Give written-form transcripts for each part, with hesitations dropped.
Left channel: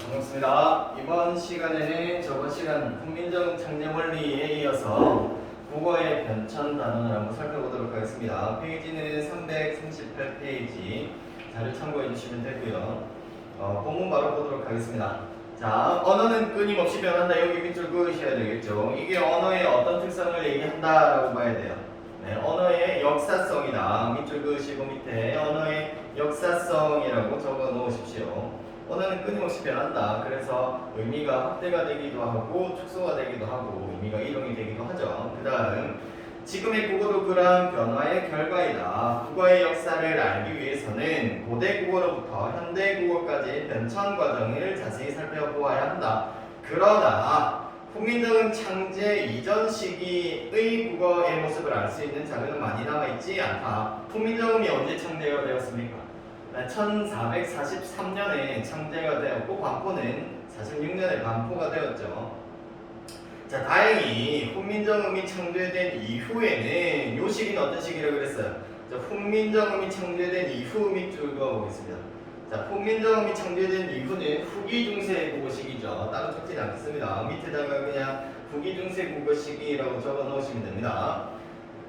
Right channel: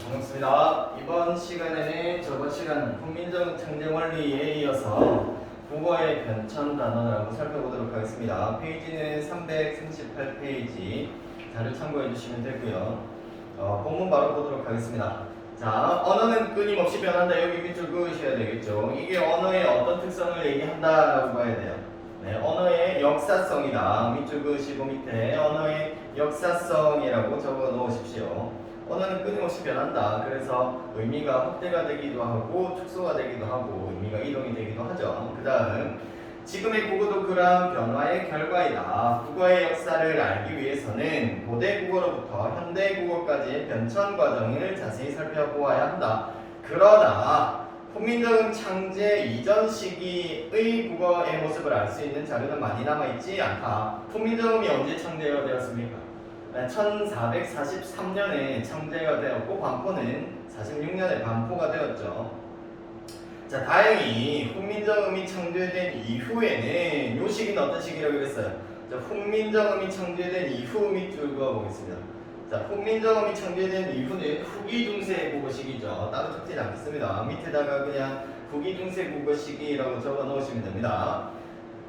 반갑습니다. 이번 시간에는 저번 시간 훈민정 창제원리에 이어서 국어의 변천 단원을 한번 살펴보도록 하겠습니다. 페이지는 338페이지 자료 참고해 주시면 되고요. 본문 바로 보도록 하겠습니다. 자, 언어는 끊임없이 변한다. 여기 밑줄 그으셔야 되겠죠. 이게 언어의 어떤 특성을 얘기한다라고 봐야 돼요. 네, 언어의 역사성이다. 밑줄 그으시고 밑에 언어의 역사성이라고 적어 놓으십시오. 언어는 끊임없이 변한다. 그래서 의미가 확대가 되기도 하고 축소가 되기도 하고 의미가 이동이 되기도 하죠. 그 다음 지금의 국어도 그러한 변화의 결과이다. 국어의 역사를 알기 위해서는 고대 국어로부터 현대 국어까지의 변천 과정을 자세히 살펴보아야 한다. 그러나 훈민정음 창제 이전 시기의 국어의 모습을 알 수 있는 자료는 많이 남아있지 않다. 훈민정음이 언제 창제가 되었습니까? 1443년에 창제가 되었고 반포는 46년에 반포가 되었죠. 자, 다행히 훈민정음이 창제된 이후에는 요 시기는 어떤 시기라고 그랬어요? 자, 훈민정음이 창제된 이후 밑줄 그어보겠습니다. 자, 훈민정음이 창제된 이후는 후기 중세 국어 시기죠. 따로 적지 않겠습니다. 밑에다가 그냥 후기 중세 국어 시기라고 적어 놓으시면 됩니다.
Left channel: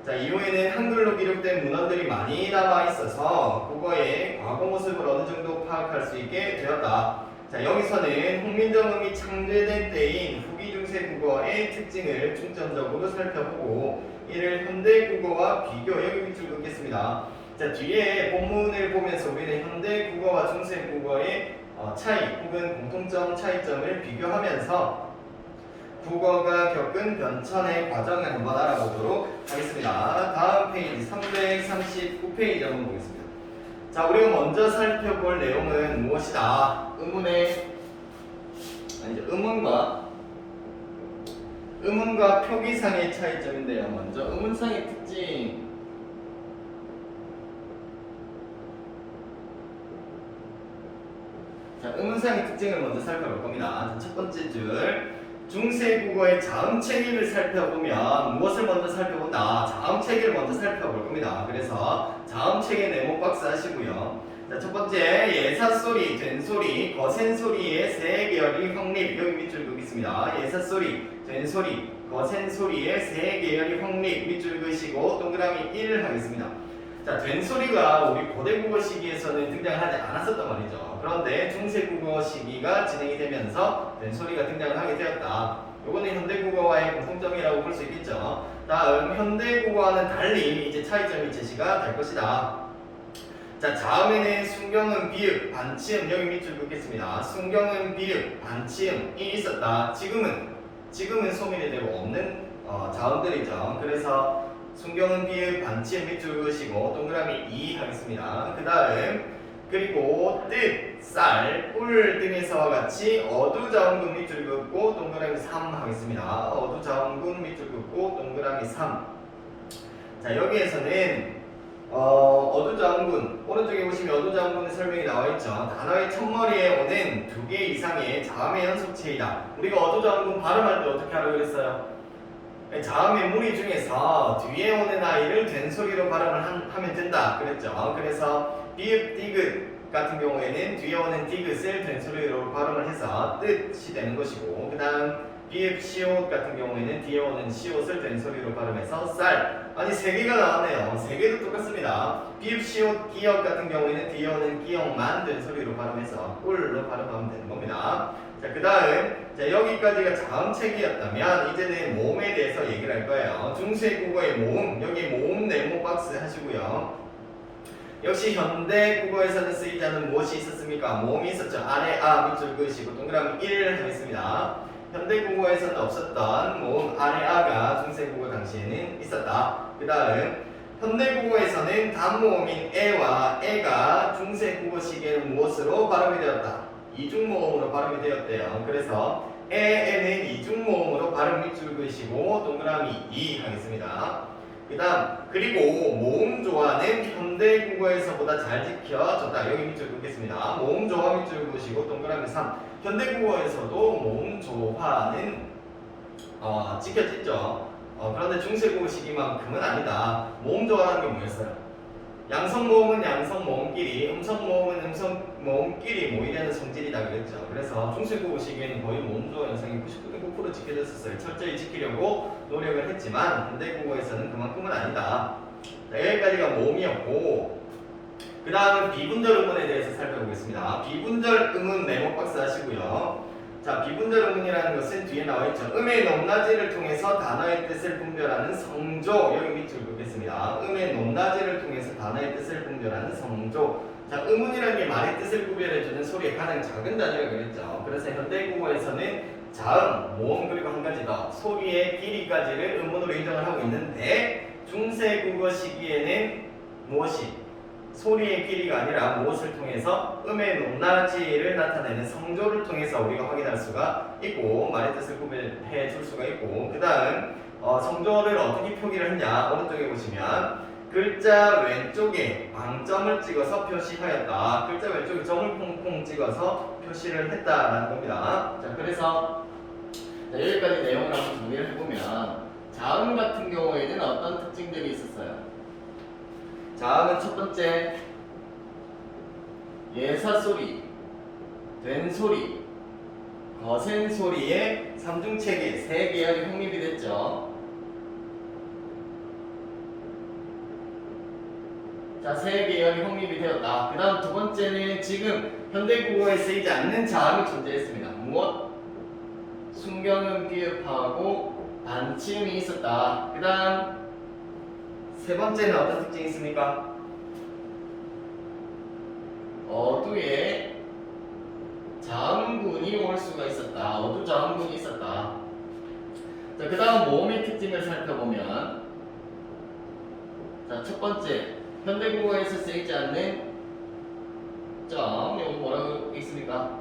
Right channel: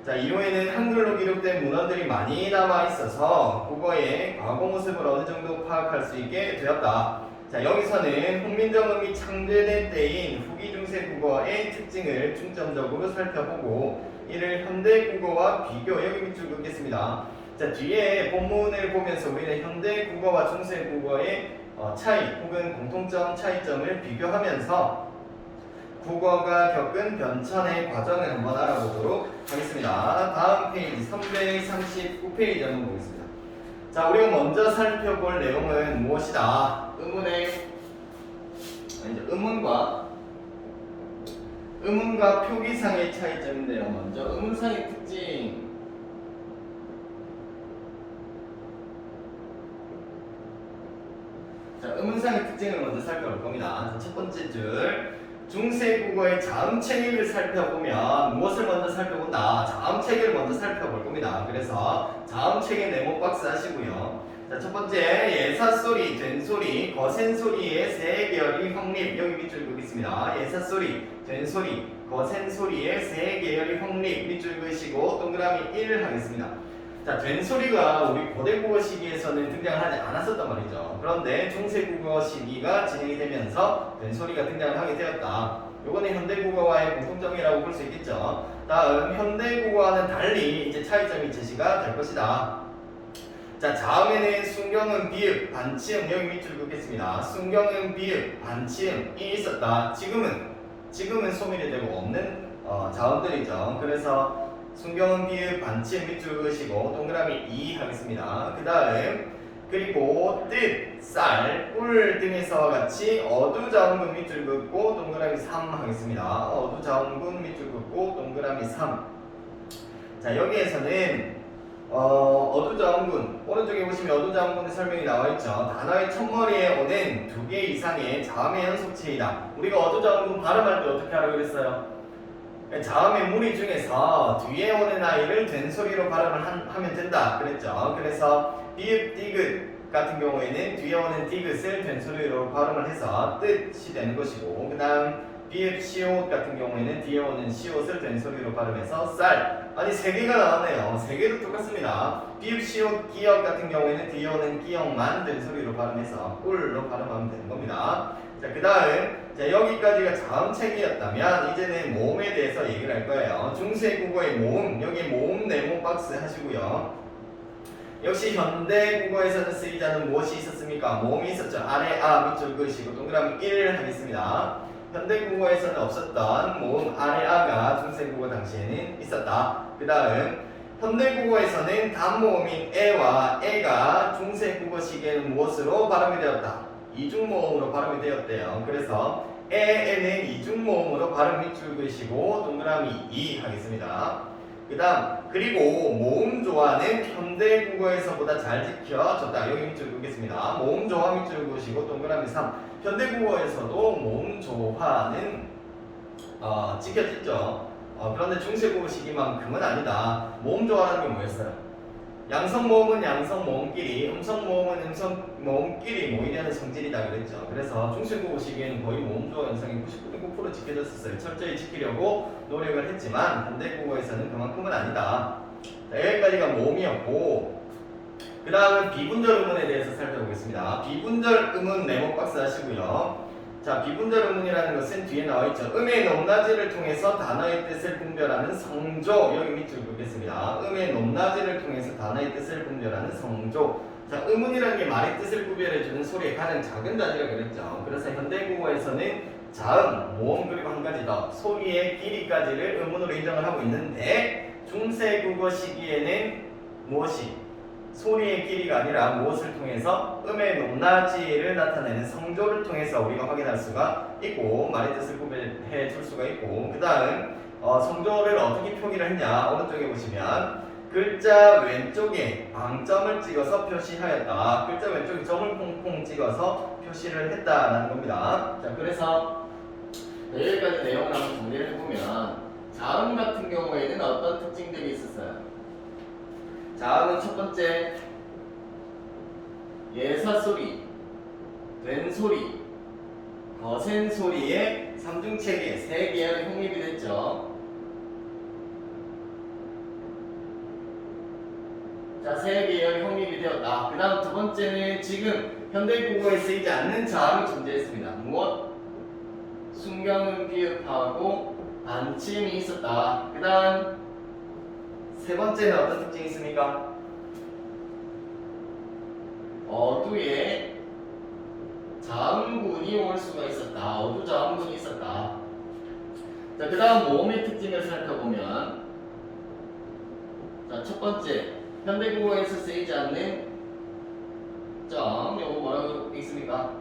자, 이후에는 한글로 기록된 문헌들이 많이 남아 있어서 국어의 과거 모습을 어느 정도 파악할 수 있게 되었다. 자, 여기서는 훈민정음이 창제된 때인 후기 중세 국어의 특징을 중점적으로 살펴보고 이를 현대 국어와 비교, 여기 밑줄 긋겠습니다. 자, 뒤에 본문을 보면서 우리는 현대 국어와 중세 국어의 차이 혹은 공통점 차이점을 비교하면서 국어가 겪은 변천의 과정을 한번 알아보도록 하겠습니다. 다음 페이지 339페이지 한번 보겠습니다. 자, 우리가 먼저 살펴볼 내용은 무엇이다? 의문과 표기상의 차이점인데요. 먼저 의문상의 특징. 자, 의문상의 특징을 먼저 살펴볼 겁니다. 자, 첫 번째 줄. 중세 국어의 자음 체계를 살펴보면 무엇을 먼저 살펴본다? 자음 체계를 먼저 살펴볼 겁니다. 그래서 자음 체계 네모 박스 하시고요. 자, 첫 번째 예사소리, 된소리, 거센소리의 세 계열이 확립. 여기 밑줄 그겠습니다. 예사소리, 된소리, 거센소리의 세 계열이 확립. 밑줄 그으시고 동그라미 1 하겠습니다. 자, 된소리가 우리 고대 국어 시기에서는 등장하지 않았었단 말이죠. 그런데 중세 국어 시기가 진행이 되면서 된소리가 등장을 하게 되었다. 요거는 현대 국어와의 공통점이라고 볼 수 있겠죠. 다음 현대 국어와는 달리 이제 차이점이 제시가 될 것이다. 자, 자음에는 순경음, 비읍, 반치음, 여기 밑줄 긋겠습니다. 순경음, 비읍, 반치음이 있었다. 지금은 소멸이 되고 없는 자음들이죠. 그래서 순경음, 비읍, 반치음 밑줄 그으시고 동그라미 2 하겠습니다. 그 다음 그리고 뜻, 쌀, 꿀 등에서와 같이 어두자음군 밑줄 긋고 동그라미 3 하겠습니다. 어두자음군 밑줄 긋고 동그라미 3. 자, 여기에서는 어두자음군 오른쪽에 보시면 어두자음군의 설명이 나와있죠. 단어의 첫머리에 오는 2개 이상의 자음의 연속체이다. 우리가 어두자음군 발음할 때 어떻게 하라고 그랬어요? 자음의 무리 중에서 뒤에 오는 아이를 된소리로 발음을 하면 된다 그랬죠. 그래서 비읍, 디귿 같은 경우에는 뒤에 오는 디귿을 된소리로 발음을 해서 뜻이 되는 것이고, 그 다음 비읍, 시옷 같은 경우에는 뒤에 오는 시옷을 된소리로 발음해서 쌀. 아니 3개가 나왔네요. 3개도 똑같습니다. 비읍, 시옷, 기역 같은 경우에는 뒤에 오는 기역만 된소리로 발음해서 꿀로 발음하면 되는 겁니다. 자, 그 다음 여기까지가 자음 체계였다면 이제는 모음에 대해서 얘기를 할 거예요. 중세 국어의 모음, 여기 모음 네모 박스 하시고요. 역시 현대 국어에서는 쓰이지 않은 무엇이 있었습니까? 모음이 있었죠. 아래 아 밑줄 그으시고 동그라미 1 하겠습니다. 현대 국어에서는 없었던 모음 아래 아가 중세 국어 당시에는 있었다. 그 다음 현대 국어에서는 단모음인 에와 에가 중세 국어 시기에는 무엇으로 발음이 되었다? 이중모음으로 발음이 되었대요. 그래서 에에는 이중모음으로 발음 밑줄 그으시고 동그라미 2 하겠습니다. 그 다음 그리고 모음 조화는 현대 국어에서보다 잘 지켜졌다. 여기 밑줄 그겠습니다. 모음 조화 밑줄 그으시고 동그라미 3. 현대 국어에서도 모음 조화는 지켜졌죠. 그런데 중세 국어 시기만큼은 아니다. 모음 조화라는 게 뭐였어요? 양성 모음은 양성 모음끼리, 음성 모음은 음성 모음끼리 모이려는 성질이다 그랬죠. 그래서 중세국어 시기에는 거의 모음조 현상이 99% 지켜졌었어요. 철저히 지키려고 노력을 했지만 현대국어에서는 그만큼은 아니다. 자, 여기까지가 모음이었고, 그 다음은 비분절 의문에 대해서 살펴보겠습니다. 비분절 의문 네모 박스 하시고요. 자, 비분절 의문이라는 것은 뒤에 나와 있죠. 음의 높낮이를 통해서 단어의 뜻을 분별하는 성조. 여기 밑줄 긋겠습니다. 음의 높낮이를 통해서 단어의 뜻을 분별하는 성조. 자, 의문이라는 게 말의 뜻을 구별해주는 소리의 가장 작은 단위라고 그랬죠. 그래서 현대국어에서는 자음, 모음 그리고 한 가지 더 소리의 길이까지를 의문으로 인정을 하고 있는데 중세국어 시기에는 무엇이? 소리의 길이가 아니라 무엇을 통해서 음의 높낮이를 나타내는 성조를 통해서 우리가 확인할 수가 있고 말의 뜻을 구별해 줄 수가 있고, 그 다음 성조를 어떻게 표기를 했냐. 오른쪽에 보시면 글자 왼쪽에 방점을 찍어서 표시하였다. 글자 왼쪽에 점을 콩콩 찍어서 표시를 했다라는 겁니다. 자, 그래서 여기까지 내용을 한번 정리를 해보면 자음 같은 경우에는 어떤 특징들이 있었어요? 자음은 첫 번째 예사 소리, 된 소리, 거센 소리의 삼중체계 세 계열이 확립이 됐죠. 자, 세 계열이 확립이 되었다. 그 다음 두 번째는 지금 현대국어에 쓰이지 않는 자음이 존재했습니다. 무엇? 순경음 비읍하고 반침이 있었다. 그 다음 세 번째는 어떤 특징이 있습니까? 어두에 자음군이 올 수가 있었다. 어두 자음군이 있었다. 자, 그 다음 모음의 특징을 살펴보면, 자, 첫 번째 현대국어에서 쓰이지 않는 점, 이거 뭐라고 있습니까?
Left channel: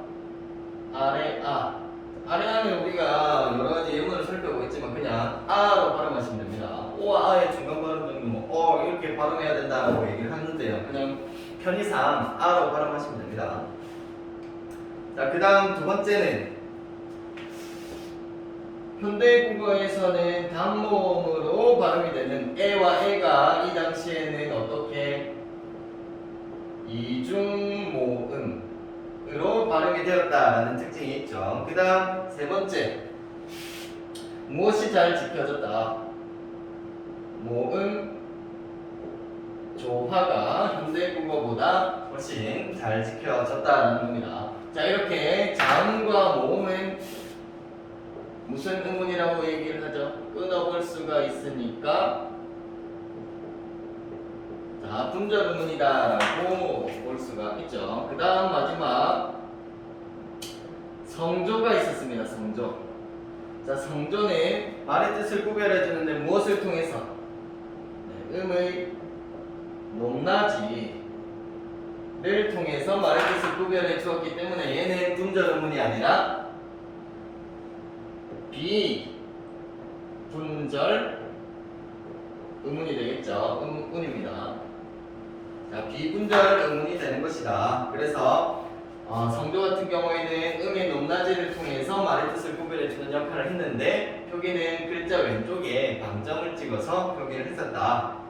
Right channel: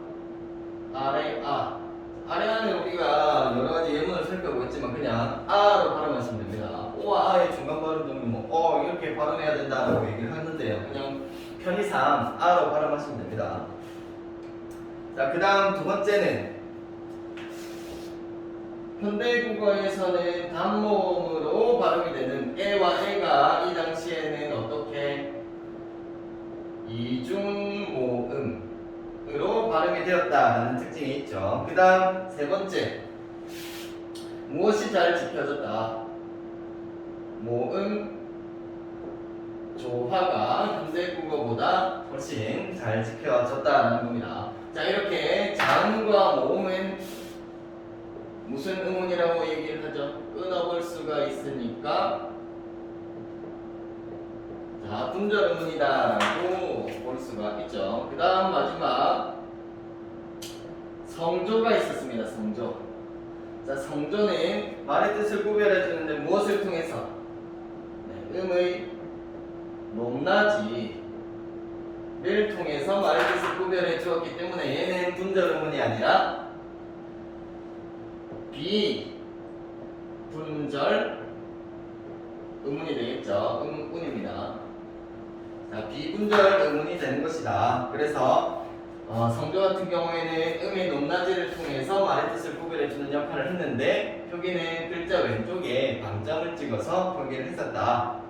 아래아는 우리가 여러가지 예문을 살펴보겠지만 그냥 아로 발음하시면 됩니다. 오와 아의 중간 발음 정도 이렇게 발음해야 된다고 얘기를 하는데요. 그냥 편의상 아로 발음하시면 됩니다. 자, 그 다음 두 번째는 현대국어에서는 단모음으로 발음이 되는 에와 에가 이 당시에는 어떻게 이중모음으로 발음이 되었다라는 특징이 있죠. 그 다음 세 번째, 무엇이 잘 지켜졌다? 모음 조화가 현대국어보다 훨씬 잘 지켜졌다는 겁니다. 자, 이렇게 자음과 모음은 무슨 의문이라고 얘기를 하죠? 끊어볼 수가 있으니까 자, 분절 의문이다라고 볼 수가 있죠. 그 다음 마지막 성조가 있었습니다. 성조. 자, 성조는 말의 뜻을 구별해 주는데 무엇을 통해서? 네, 음의 높낮이를 통해서 말의 뜻을 구별해 주었기 때문에 얘는 분절 의문이 아니라 비분절 의문이 되겠죠. 의문입니다. 자, 비분절 의문이 되는 것이다. 그래서 성조 같은 경우에는 음의 높낮이를 통해서 말의 뜻을 구별해주는 역할을 했는데 표기는 글자 왼쪽에 방점을 찍어서 표기를 했었다.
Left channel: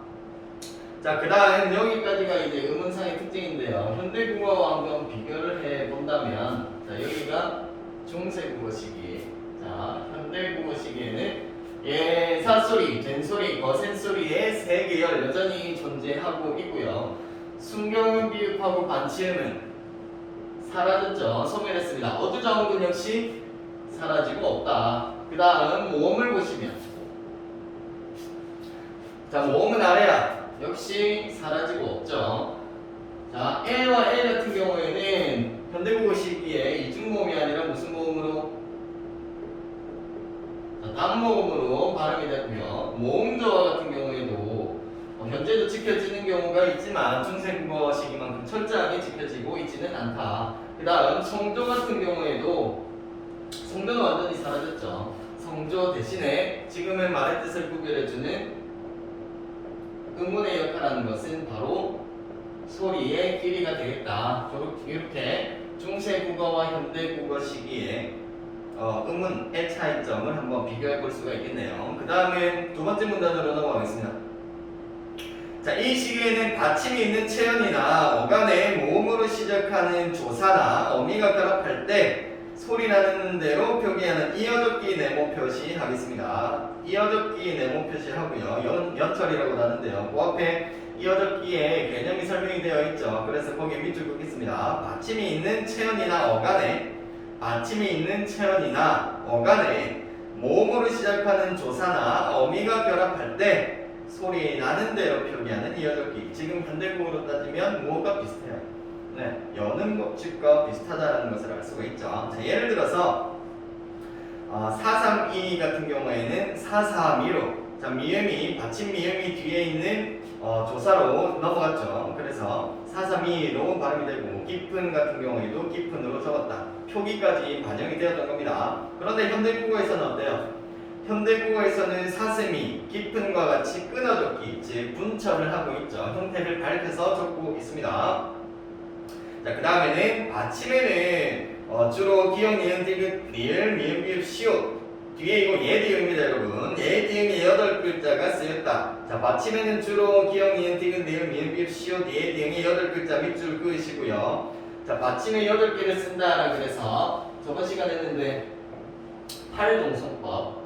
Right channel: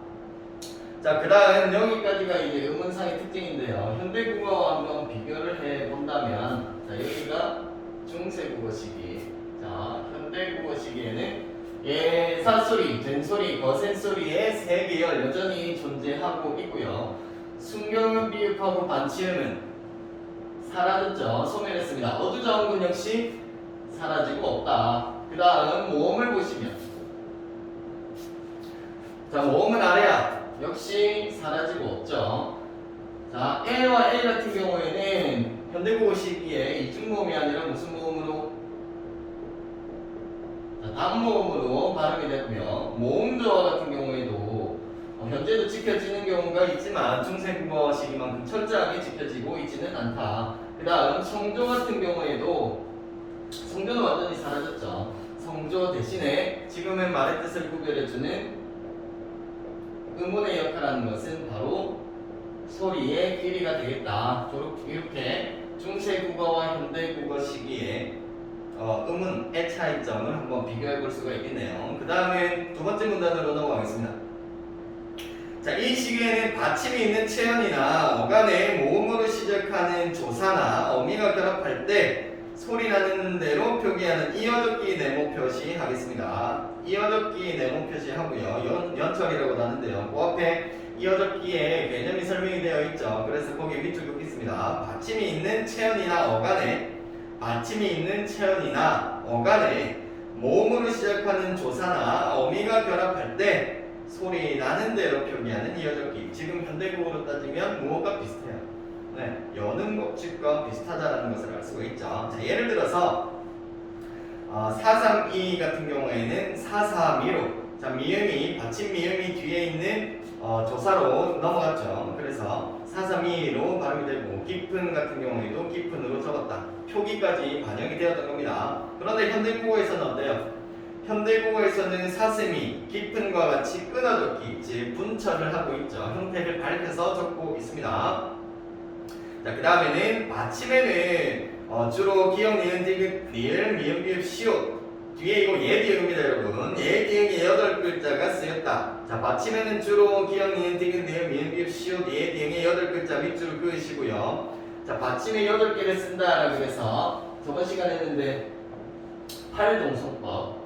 자, 그 다음 여기까지가 이제 의문상의 특징인데요. 현대국어와 한번 비교를 해본다면, 자, 여기가 중세국어 시기. 자, 현대국어 시기에는 예사소리, 된소리, 거센소리의 세 계열 여전히 존재하고 있고요. 순경음 비읍하고 반치음은 사라졌죠. 소멸했습니다. 어두자음군 역시 사라지고 없다. 그 다음 모음을 보시면, 자, 모음은 아래야 역시 사라지고 없죠. 자, L과 L 같은 경우에는 현대국어 시기에 이중모음이 아니라 무슨 모음으로? 자, 단모음으로 발음이 됐고요. 모음조화 같은 경우에도 현재도 지켜지는 경우가 있지만 중세국어 시기만큼 철저하게 지켜지고 있지는 않다. 그 다음 성조 같은 경우에도 성조는 완전히 사라졌죠. 성조 대신에 지금의 말의 뜻을 구별해주는 의문의 역할하는 것은 바로 소리의 길이가 되겠다. 이렇게 중세국어와 현대국어 시기에 의문의 차이점을 한번 비교해 볼 수가 있겠네요. 그 다음에 두 번째 문단으로 넘어가겠습니다. 자, 이 시기에는 받침이 있는 체연이나 어간의 모음으로 시작하는 조사나 어미가 결합할 때 소리 나는 대로 표기하는 이어적기 네모 표시하겠습니다. 이어적기 네모 표시하고요. 연철이라고 하는데요. 그 앞에 이어적기에 개념이 설명이 되어 있죠. 그래서 거기에 밑줄 긋겠습니다. 받침이 있는 체연이나 어간에 모음으로 시작하는 조사나 어미가 결합할 때 소리 나는 대로 표기하는 이어적기. 지금 현대국어로 따지면 무엇과 비슷해요? 네, 여는 법칙과 비슷하다는 것을 알 수가 있죠. 자, 예를 들어서 432 같은 경우에는 432로 자, 받침 미음이 뒤에 있는 조사로 넘어갔죠. 그래서 432로 발음이 되고 깊은 같은 경우에도 깊은으로 적었다. 표기까지 반영이 되었던 겁니다. 그런데 현대국어에서는 어때요? 현대국어에서는 사슴이 깊은과 같이 끊어적기, 즉 분철을 하고 있죠. 형태를 밝혀서 적고 있습니다. 자, 그 다음에는 받침에는 주로 기역, 니은, 디귿, 리을, 미음, 비읍, 시옷 뒤에 이거 예디음입니다, 여러분. 예디음이 8글자가 쓰였다. 자, 받침에는 주로 기역, 니은, 디귿, 리을, 미음, 비읍, 시옷, 예디음이 8글자 밑줄 그으시고요. 자, 받침에 8개를 쓴다라고 해서 저번 시간에 했는데 팔동성법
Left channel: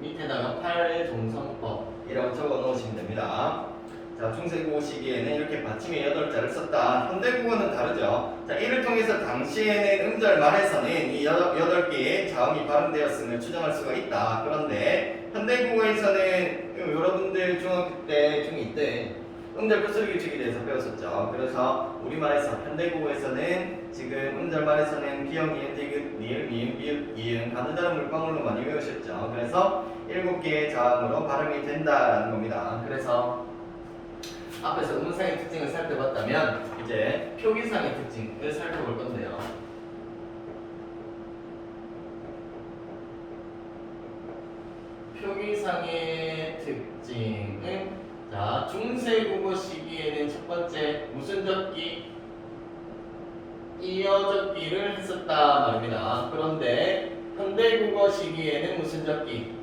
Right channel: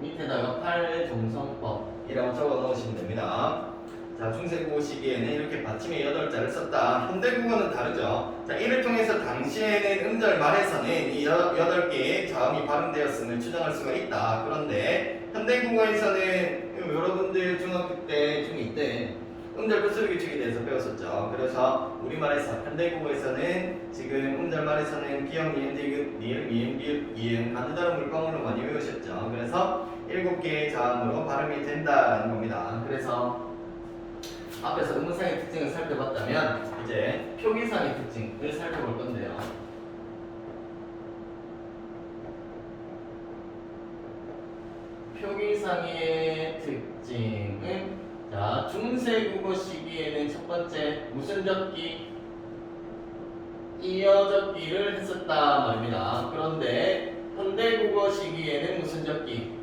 밑에다가 팔동성법이라고 적어 놓으시면 됩니다. 자, 중세국어 시기에는 이렇게 받침에 8자를 썼다. 현대국어는 다르죠. 자, 이를 통해서 당시에는 음절 말에서는 이 8개의 자음이 발음되었음을 추정할 수가 있다. 그런데 현대국어에서는 여러분들 중학교 때, 중2 때 음절 끝소리 규칙에 대해서 배웠었죠. 그래서 우리말에서 현대국어에서는 지금 음절 말에서는 기역, 니은, 디귿, 리을, 미음, 비읍, 이응 반드다른 물방울로 많이 외우셨죠. 그래서 7개의 자음으로 발음이 된다라는 겁니다. 그래서 앞에서 음성의 특징을 살펴봤다면 이제 표기상의 특징을 살펴볼 건데요. 표기상의 특징은 자, 중세국어 시기에는 첫 번째 무슨 적기? 이어적기를 했었다 말입니다. 그런데 현대국어 시기에는 무슨 적기?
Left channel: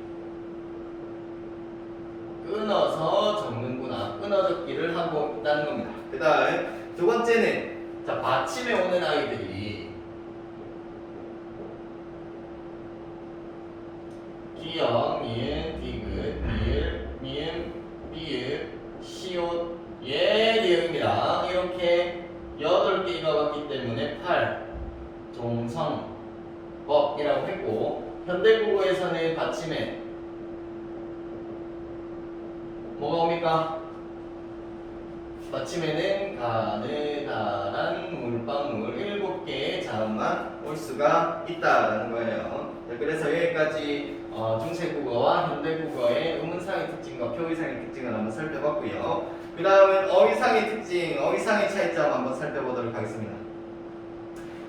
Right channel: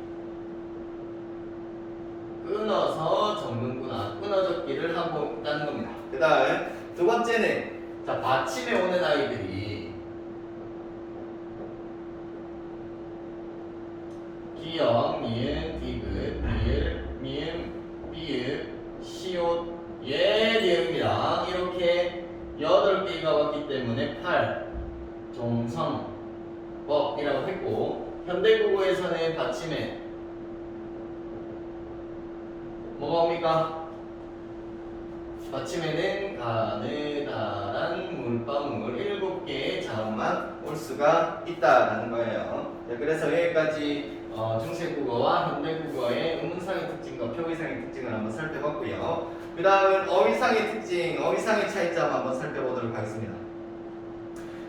끊어서 적는구나. 끊어적기를 하고 있다는 겁니다. 그 다음에 두 번째는 자, 받침에 오는 아이들이 기역, 니은, 디귿, 리을, 미음, 비읍, 시옷, 예디음입니다. 이렇게 8개가 왔기 때문에 팔동성법이라고 했고 현대국어에서는 받침에 뭐가 옵니까? 받침에는 가느다란 물방울 7개의 자음만 올 수가 있다라는 거예요. 그래서 여기까지 중세국어와 현대국어의 음운상의 특징과 표기상의 특징을 한번 살펴봤고요. 그 다음은 어휘상의 특징, 어휘상의 차이점 한번 살펴보도록 하겠습니다.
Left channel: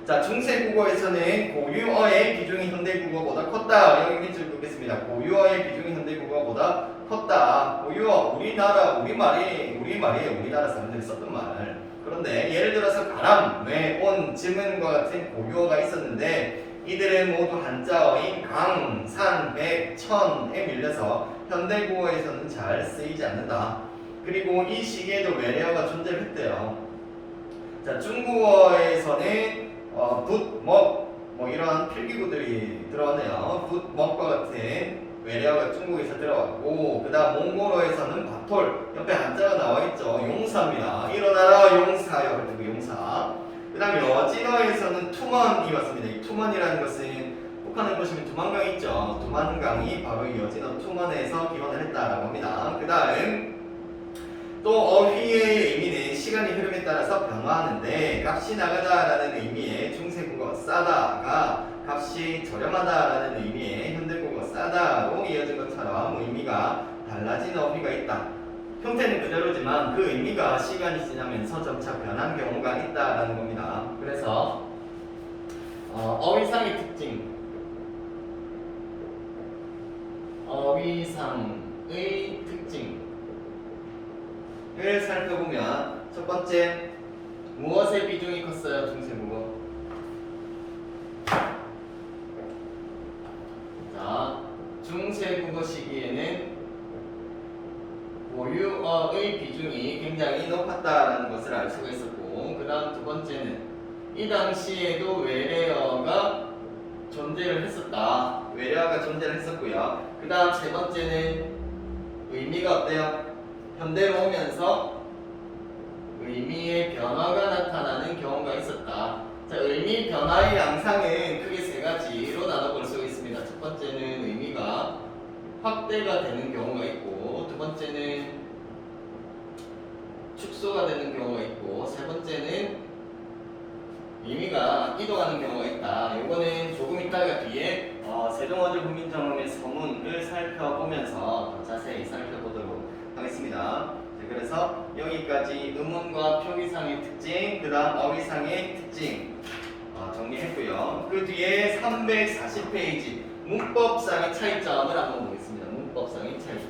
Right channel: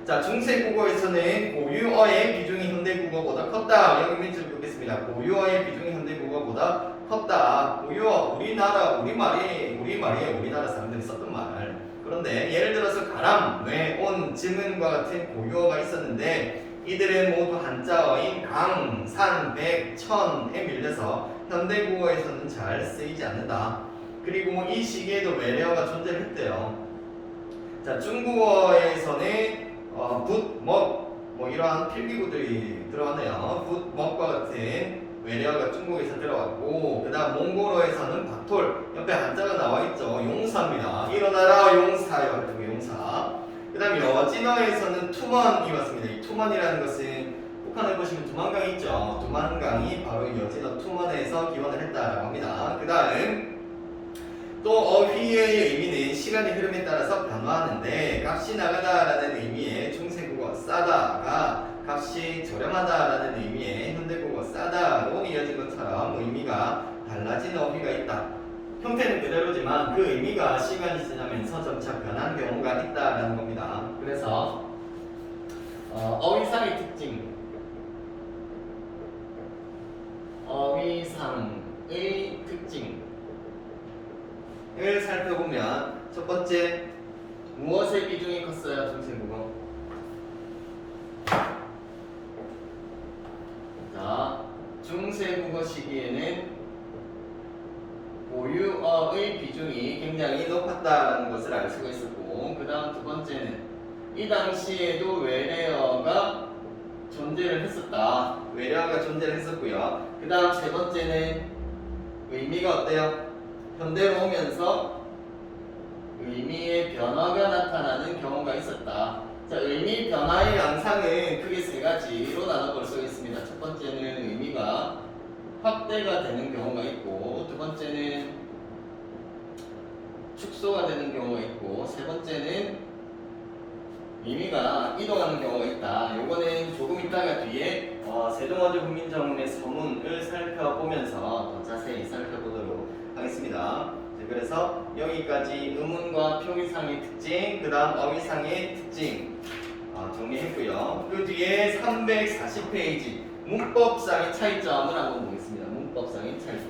자, 중세국어에서는 고유어의 비중이 현대국어보다 컸다. 여기 밑줄 긋겠습니다. 고유어의 비중이 현대국어보다 컸다. 고유어, 우리말이에요. 우리나라 사람들이 썼던 말. 그런데 예를 들어서 가람, 뇌, 온, 지문과 같은 고유어가 있었는데 이들은 모두 한자어인 강, 산, 백, 천에 밀려서 현대국어에서는 잘 쓰이지 않는다. 그리고 이 시기에도 외래어가 존재했대요. 자, 중국어에서는 붓, 먹, 이러한 필기구들이 들어왔네요. 붓, 먹과 같은 외래어가 중국에서 들어왔고, 그 다음 몽골어에서는 바톨, 옆에 한자가 나와있죠. 용사입니다. 일어나라 용사요 할 때 용사. 그 다음 여진어에서는 투먼이 왔습니다. 이 투먼이라는 것은 북한에 보시면 두만강이 있죠. 두만강이 바로 여진어 투먼에서 기원을 했다라고 합니다. 그 다음 또 어휘의 의미는 시간의 흐름에 따라서 변화하는데 값이 나가다라는 의미의 중세국어 싸다가 값이 저렴하다라는 의미의 현대국어 싸다로 이어진 것처럼 의미가 달라진 어휘가 있다. 형태는 그대로지만 그 의미가 시간이 지나면서 점차 변한 경우가 있다라는 겁니다. 그래서 어휘상의 특징, 어휘상의 특징 을 살펴보면 첫 번째 무엇의 비중이 컸어요? 중세국어. 자, 중세국어 시기에는 고유어의 비중이 굉장히 높았다는 것을 알 수가 있었고, 그 다음 두 번째는 이 당시에도 외래어가 존재를 했었다. 외래어가 존재를 했었고요. 그 다음 세 번째는 의미가 어때요? 현대로 오면서 의미의 변화가 나타나는 경우가 있었다. 자, 의미 변화의 양상은 크게 세 가지로 나눠볼 수 있습니다. 첫 번째는 의미가 확대가 되는 경우가 있고, 두 번째는 축소가 되는 경우가 있고, 세 번째는 의미가 이동하는 경우가 있다. 이거는 조금 이따가 뒤에 세종어조 국민정음의 서문을 살펴보면서 더 자세히 살펴보도록 하겠습니다. 그래서 여기까지 음운과 표기상의 특징, 그 다음 어휘상의 특징 정리했고요. 그 뒤에 340페이지 문법상의 차이점을 한번 보겠습니다. 문법상의 차이점.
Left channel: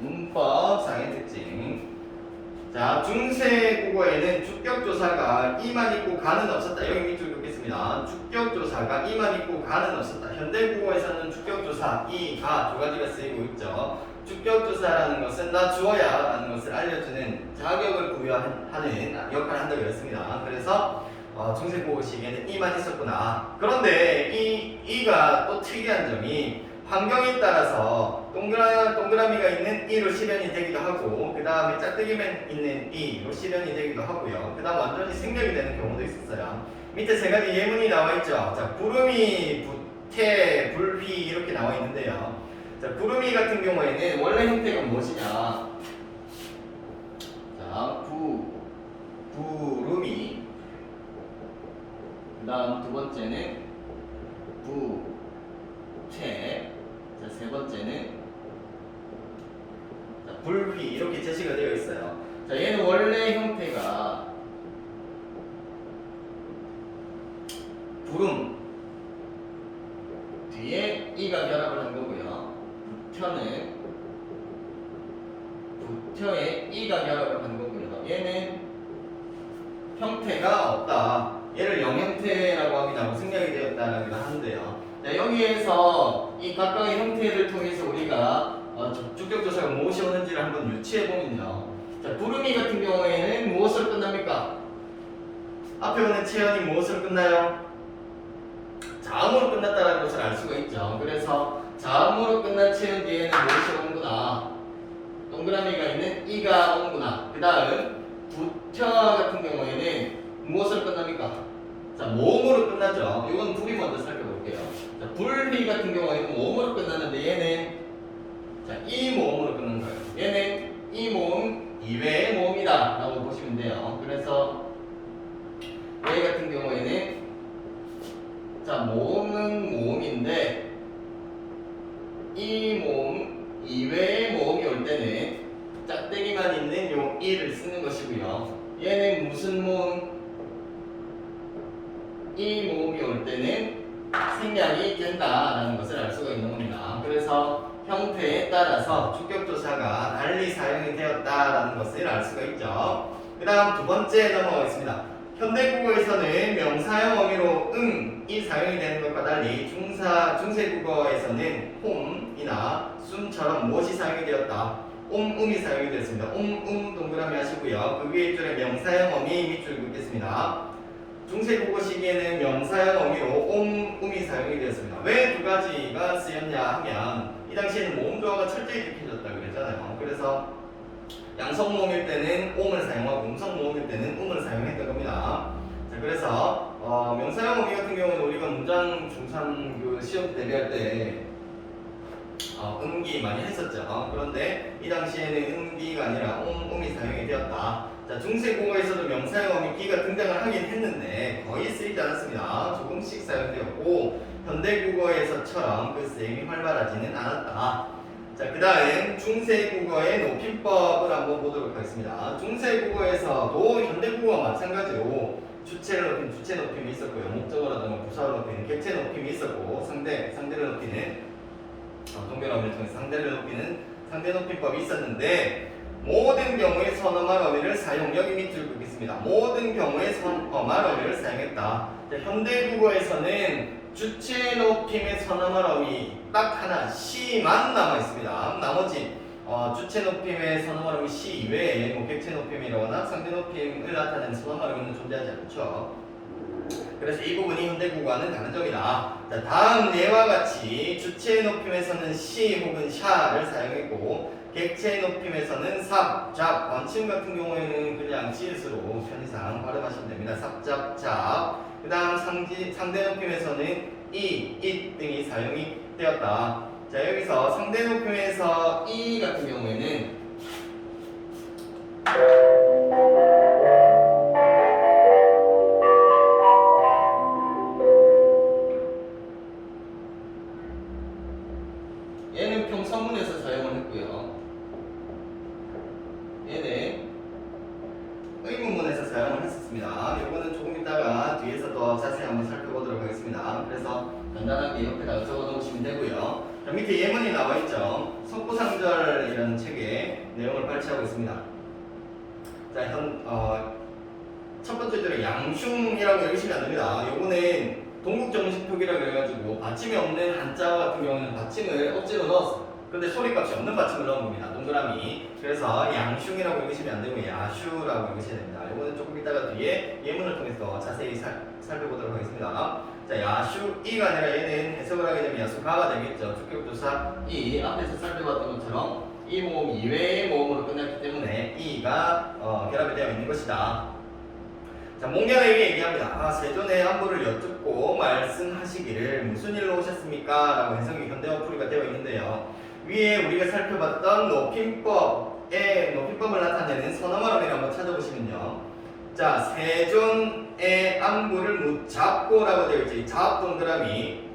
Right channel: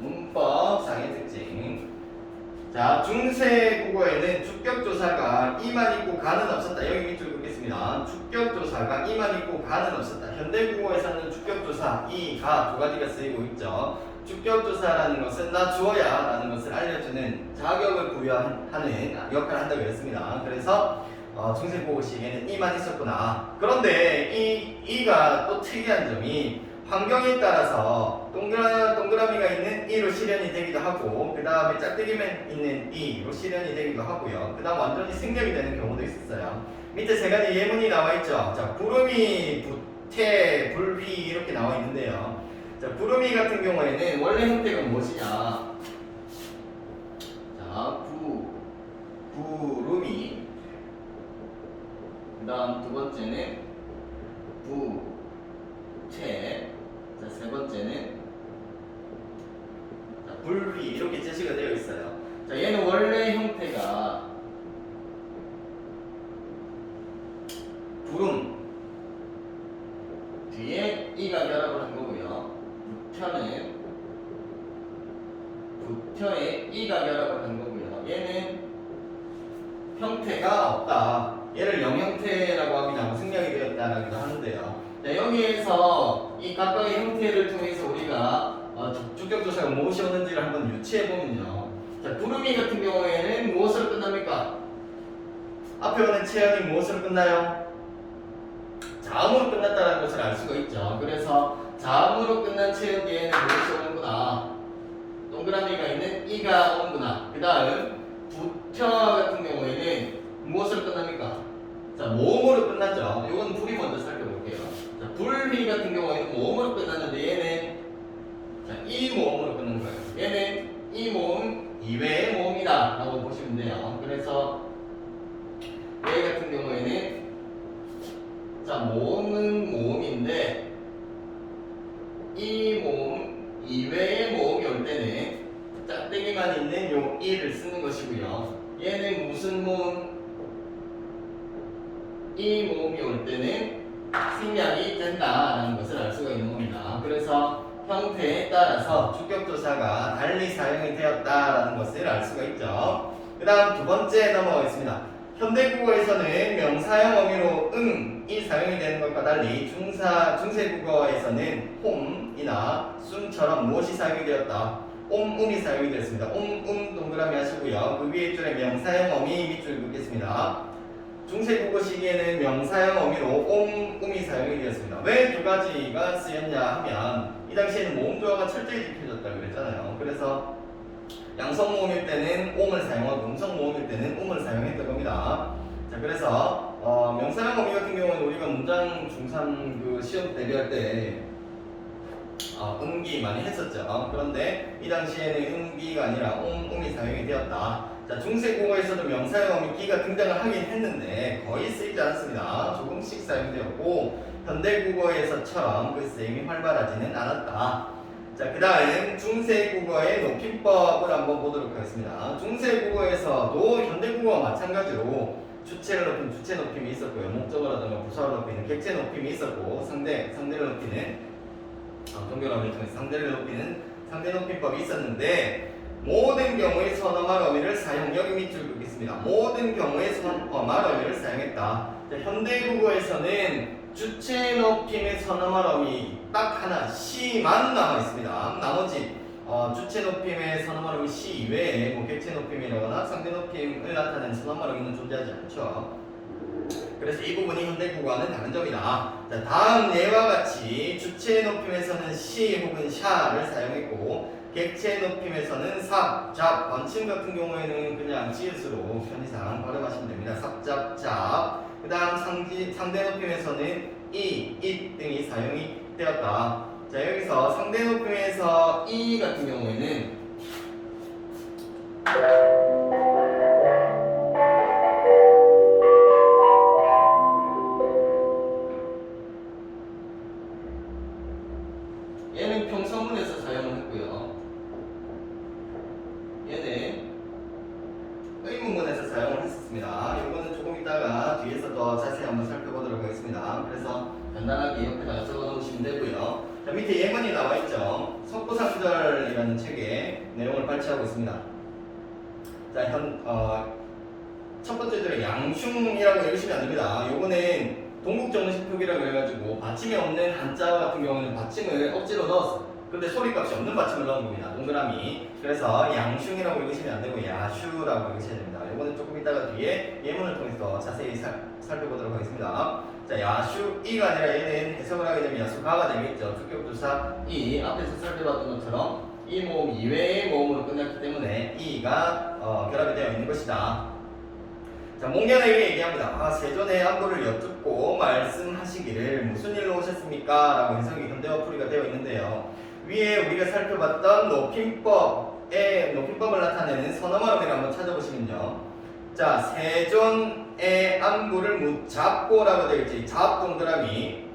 문법상의 특징. 자, 중세 국어에는 주격조사가 이만 있고 가는 없었다. 여기 밑줄 긋겠습니다. 주격조사가 이만 있고 가는 없었다. 현대 국어에서는 주격조사 이, 가 두 가지가 쓰이고 있죠. 주격조사라는 것은 나 주어야 라는 것을 알려주는 자격을 부여하는 역할을 한다고 했습니다. 그래서 중세 국어식에는 이만 있었구나. 그런데 이가 또 특이한 점이 환경에 따라서 동그라미가 있는 이로 실현이 되기도 하고, 그 다음에 짝대기만 있는 이로 실현이 되기도 하고요. 그 다음 완전히 생략이 되는 경우도 있었어요. 밑에 세 가지 예문이 나와 있죠. 자, 부름이, 부태, 불휘 이렇게 나와 있는데요. 자, 부름이 같은 경우에는 원래 형태가 무엇이냐? 자, 부름이. 그 다음 두 번째는 부채. 자, 세 번째는 불휘 이렇게 제시가 되어 있어요. 자, 얘는 원래 형태가 부름 뒤에 이가 결합을 한 거고요. 부처에 이가 결합을 한 거고요. 얘는 형태가 없다. 얘를 영형태라고 합니다. 생략이 되었다라고 하는데요. 자, 여기에서 이 각각의 형태를 통해서 우리가 주격조사가 무엇이 오는지를 한번 유추해 보면요. 자, 부름이 같은 경우에는 무엇으로 끝납니까? 앞에 오는 체언이 무엇으로 끝나요? 자음으로 끝났다는 것을 알 수가 있죠. 그래서 자음으로 끝난 체언 뒤에는 무엇이 오는구나. 동그라미가 있는 이가 오는구나. 그 다음 부처 같은 경우에는 무엇으로 끝납니까? 자, 모음으로 끝났죠. 이건 불이 먼저 살펴볼게요. 자, 불휘 같은 경우에는 모음으로 끝났는데 얘는 자, 이 모음으로 끝난 거예요. 얘는 이 모음 이외의 모음이다 라고 보시면 돼요. 그래서 얘 같은 경우에는 자, 모음은 모음인데 이 모음 이외의 모음이 올 때는 짝대기만 있는 요 이를 쓰는 것이고요. 얘는 무슨 모음? 이 모음이 올 때는 생략이 된다라는 것을 알 수가 있는 겁니다. 그래서 형태에 따라서 주격조사가 달리 사용이 되었다라는 것을 알 수가 있죠. 그 다음 두 번째 넘어가겠습니다. 현대국어에서는 명사형 어미로 이 사용이 되는 것과 달리 중세국어에서는 홈이나 숨처럼 무엇이 사용이 되었다. 음이 사용이 되었습니다. 동그라미 하시고요. 그 위에 줄에 명사형 어미 밑줄 긋겠습니다. 중세국어 시기에는 명사형 어미로 음이 사용이 되었습니다. 왜 두 가지가 쓰였냐 하면 이 당시에는 모음 조화가 철저히 지켜졌다고 그랬잖아요. 그래서 양성 모음일 때는 옴을 사용하고 음성 모음일 때는 음을 사용했던 겁니다. 자, 그래서 명사형 어미 같은 경우는 우리가 문장 중3 그 시험 대비할 때 음기 많이 했었죠. 그런데 이 당시에는 음기가 아니라 음이 사용이 되었다. 자, 중세국어에서도 명사형 어미 기가 등장을 하긴 했는데 거의 쓰이지 않았습니다. 조금씩 사용되었고 현대국어에서처럼 그 쓰임이 활발하지는 않았다. 자, 그 다음 중세국어의 높임법을 한번 보도록 하겠습니다. 중세국어에서도 현대국어와 마찬가지로 주체를 높이는 주체 높임이 있었고요. 목적어라든가 부사를 높이는 객체 높임이 있었고 상대를 높이는 동결어미를 통해 상대를 높이는 상대 높임법이 있었는데 모든 경우에 선어말 어미를 사용 여기 밑줄 긋겠습니다. 모든 경우에 선어말 어미를 사용했다. 자, 현대국어에서는 주체 높임의 선어말 어미 딱 하나 시만 남아 있습니다. 나머지 주체 높임의 선어말 어미 시 이외에 뭐 객체 높임이라거나 상대 높임을 나타내는 선어말 어미는 존재하지 않죠. 그래서 이 부분이 현대국어와는 다른 점이다. 자, 다음 예와 같이 주체 높임에서는 시 혹은 샤를 사용했고 객체 높임에서는 삽, 잡, 관침 같은 경우에는 그냥 지읒으로 편의상 발음하시면 됩니다. 삽, 잡, 잡. 그 다음 상대 높임에서는 이, 잇 등이 사용이 되었다. 자, 여기서 상대 높임에서 이 같은 경우에는 얘는 평서문에서 사용을 했고요. 얘는 의문문에서 사용을 했었습니다. 이거는 조금 이따가 뒤에서 더 자세히 한번 살펴보도록 하겠습니다. 그래서 간단하게 옆에다가 적어놓으시면 되고요. 자, 밑에 예문이 나와 있죠. 속보상절이라는 책에 내용을 발췌하고 있습니다. 자, 첫 번째 줄에 양흉이라고 읽으시면 안 됩니다. 요거는 동국정식 표기라고 해가지고 받침이 없는 한자 같은 경우는 받침을 억지로 넣었어요. 근데 소리값이 없는 받침을 넣은 겁니다. 동그라미. 그래서 양흉이라고 읽으시면 안 되고 야슈라고 읽으셔야 됩니다. 요거는 조금 이따가 뒤에 예문을 통해서 자세히 살펴보도록 하겠습니다. 자, 야슈이가 아니라 얘는 해석을 하게 되면 야수가가 되겠죠. 주격조사 이 앞에서 살펴봤던 것처럼 이 모음 이외의 모음으로 끝났기 때문에 이가 결합이 되어 있는 것이다. 자, 몽양에게 얘기합니다. 세존의 안부를 여쭙고 말씀하시기를 무슨 일로 오셨습니까? 라고 해석이 현대어풀이가 되어 있는데요. 위에 우리가 살펴봤던 높임법을 나타내는 선어말음이를 한번 찾아보시면요. 자, 세존의 안부를 묻잡고라고 되어 있죠. 잡 동그라미.